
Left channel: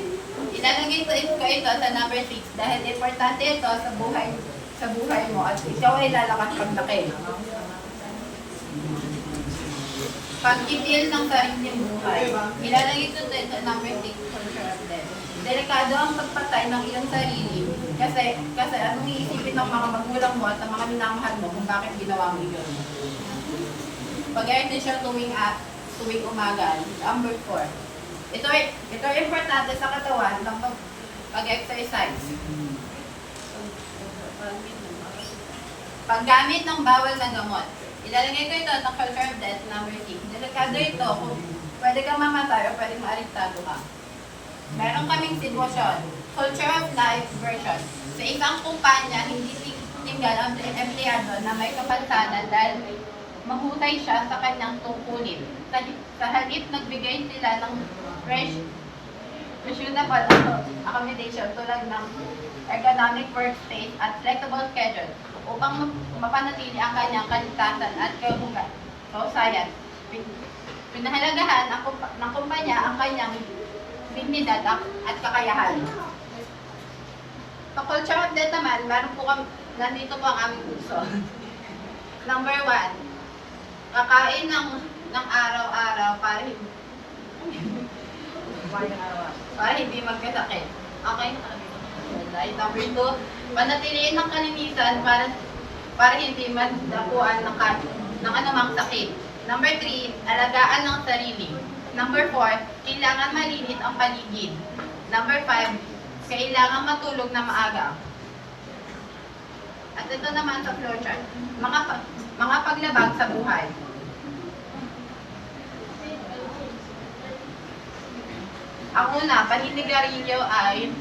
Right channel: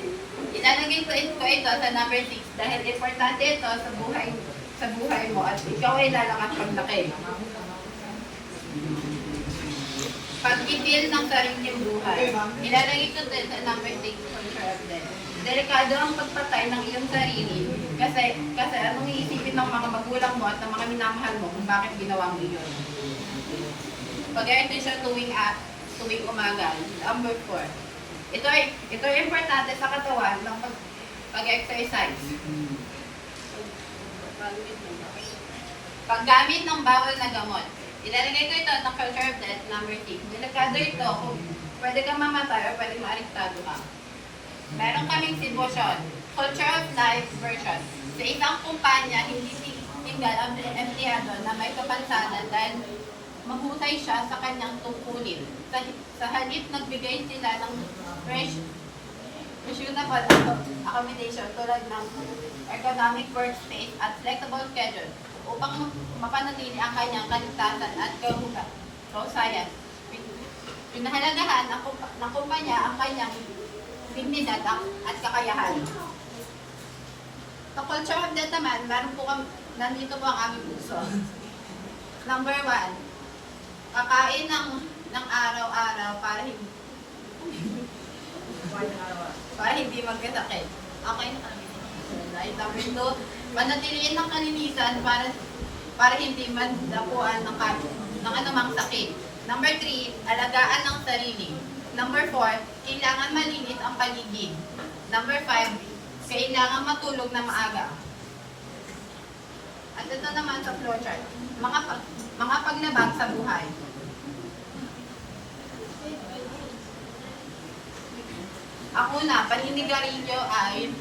Ilalagay ko ito sa number 6 dahil importante ito sa buhay mo at ikaw ay lalakas paglaki. Pag-itil ng sariling buhay. Ilalagay ko ito sa number 6 Culture of Death. Delikado ang pagpatay ng iyong sarili kasi anong iisipin ng mga magulang mo at ng mga minamahal mo kung bakit ginawa mo ito. Pag-exercise tuwing umaga, number 4. Ito ay importante sa katawan ng pag-exercise. Paggamit ng bawal na gamot. Ilalagay ko ito sa Culture of Death, number 6. Delikado ito kung pwede kang mamatay o pwede maarestado ka. Meron kaming sitwasyon, Culture of Life version. Sa isang kumpanya, hindi tinggal ang empleyado na may kapansanan dahil mahusay siya sa kanyang tungkulin. Sa halip, nagbigay sila ng reasonable accommodation tulad ng ergonomic workspace at flexible schedule upang mapanatili ang kanyang kaligtasan at kahusayan. Pinahalagahan ng kumpanya ang kanyang dignidad at kakayahan. Sa Culture of Death naman, nandito po ang aming puso. Number 1, kakain ng araw-araw para hindi magkasakit. Okay na kami. Number 2, panatiliin ng kalinisan para hindi magdapuan ng anumang sakit. Number 3, alagaan ng sarili. Number 4, kailangan malinis ang paligid. Number 5, kailangan matulog na maaga. At ito naman sa flowchart, mga paglabag sa buhay. Ang una, paninigarilyo ay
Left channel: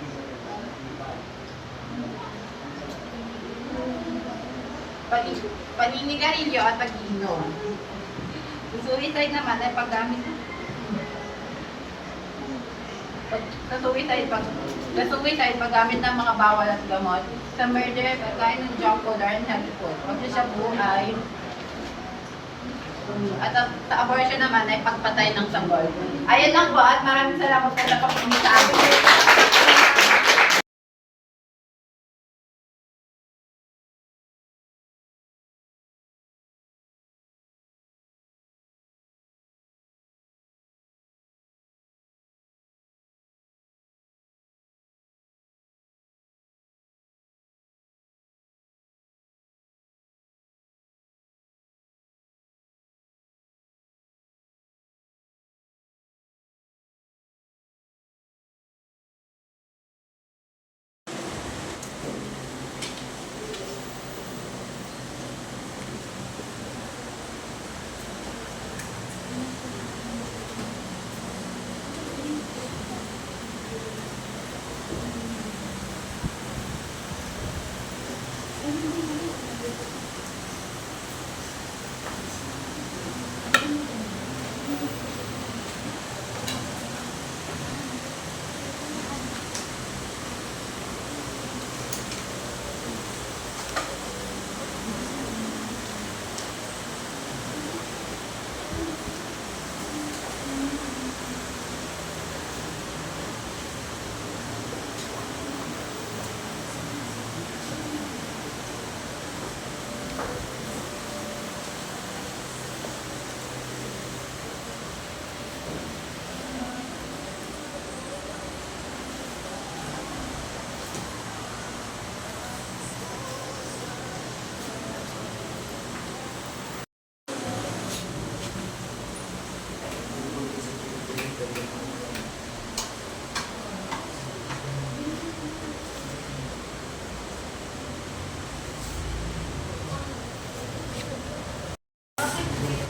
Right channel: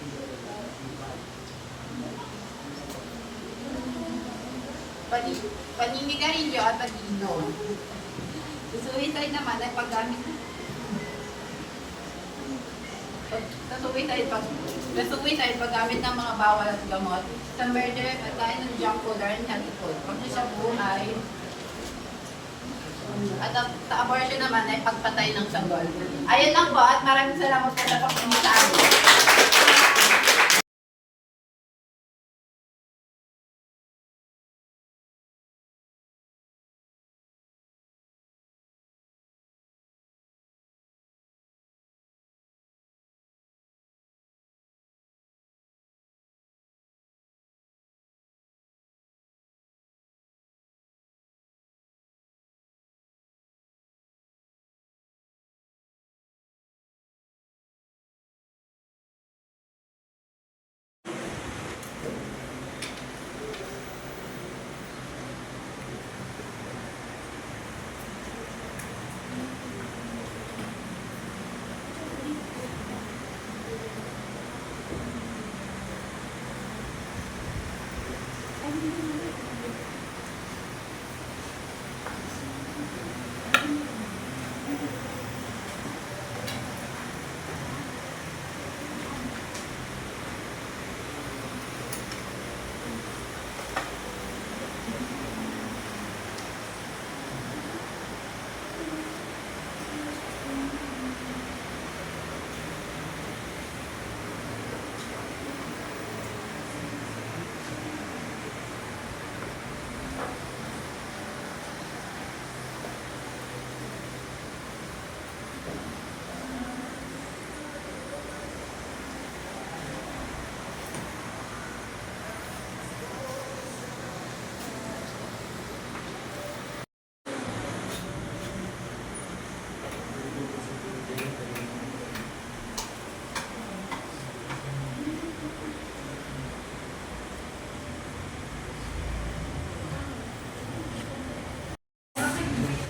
paninigarilyo at pag-inom. Suicide naman ay paggamit paggamit ng mga bawal at gamot. Sa murder, pagkain ng junk food or unhealthy food. Pagsasabu ay at sa abortion naman ay pagpatay ng sanggol. Ayun lang po at maraming salamat po sa pakikinig sa amin.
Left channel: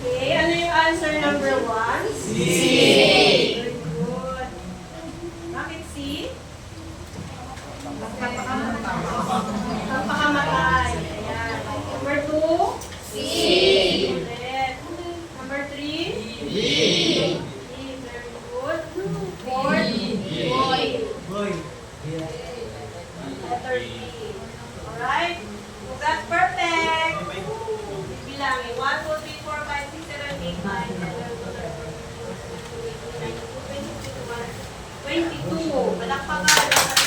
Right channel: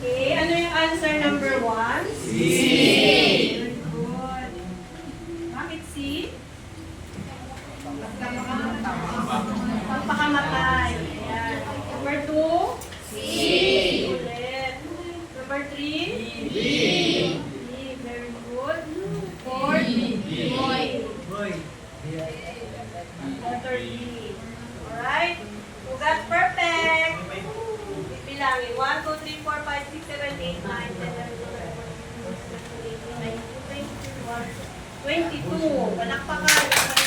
Okay, ano yung answer number 1? C. Very good. Bakit C? Pagpakamatay. Ayan. Number 2? C. Ulit. Number 3? D. Very good. 4? Boy. Letter B. Alright? You got perfect. Bilangin. 1, 2, 3, 4, 5, 6, 7, 8, 9, 10, 11, 12, 13, 14, 15, 16, 17, 18, 19, 20, 22. Palakpakan.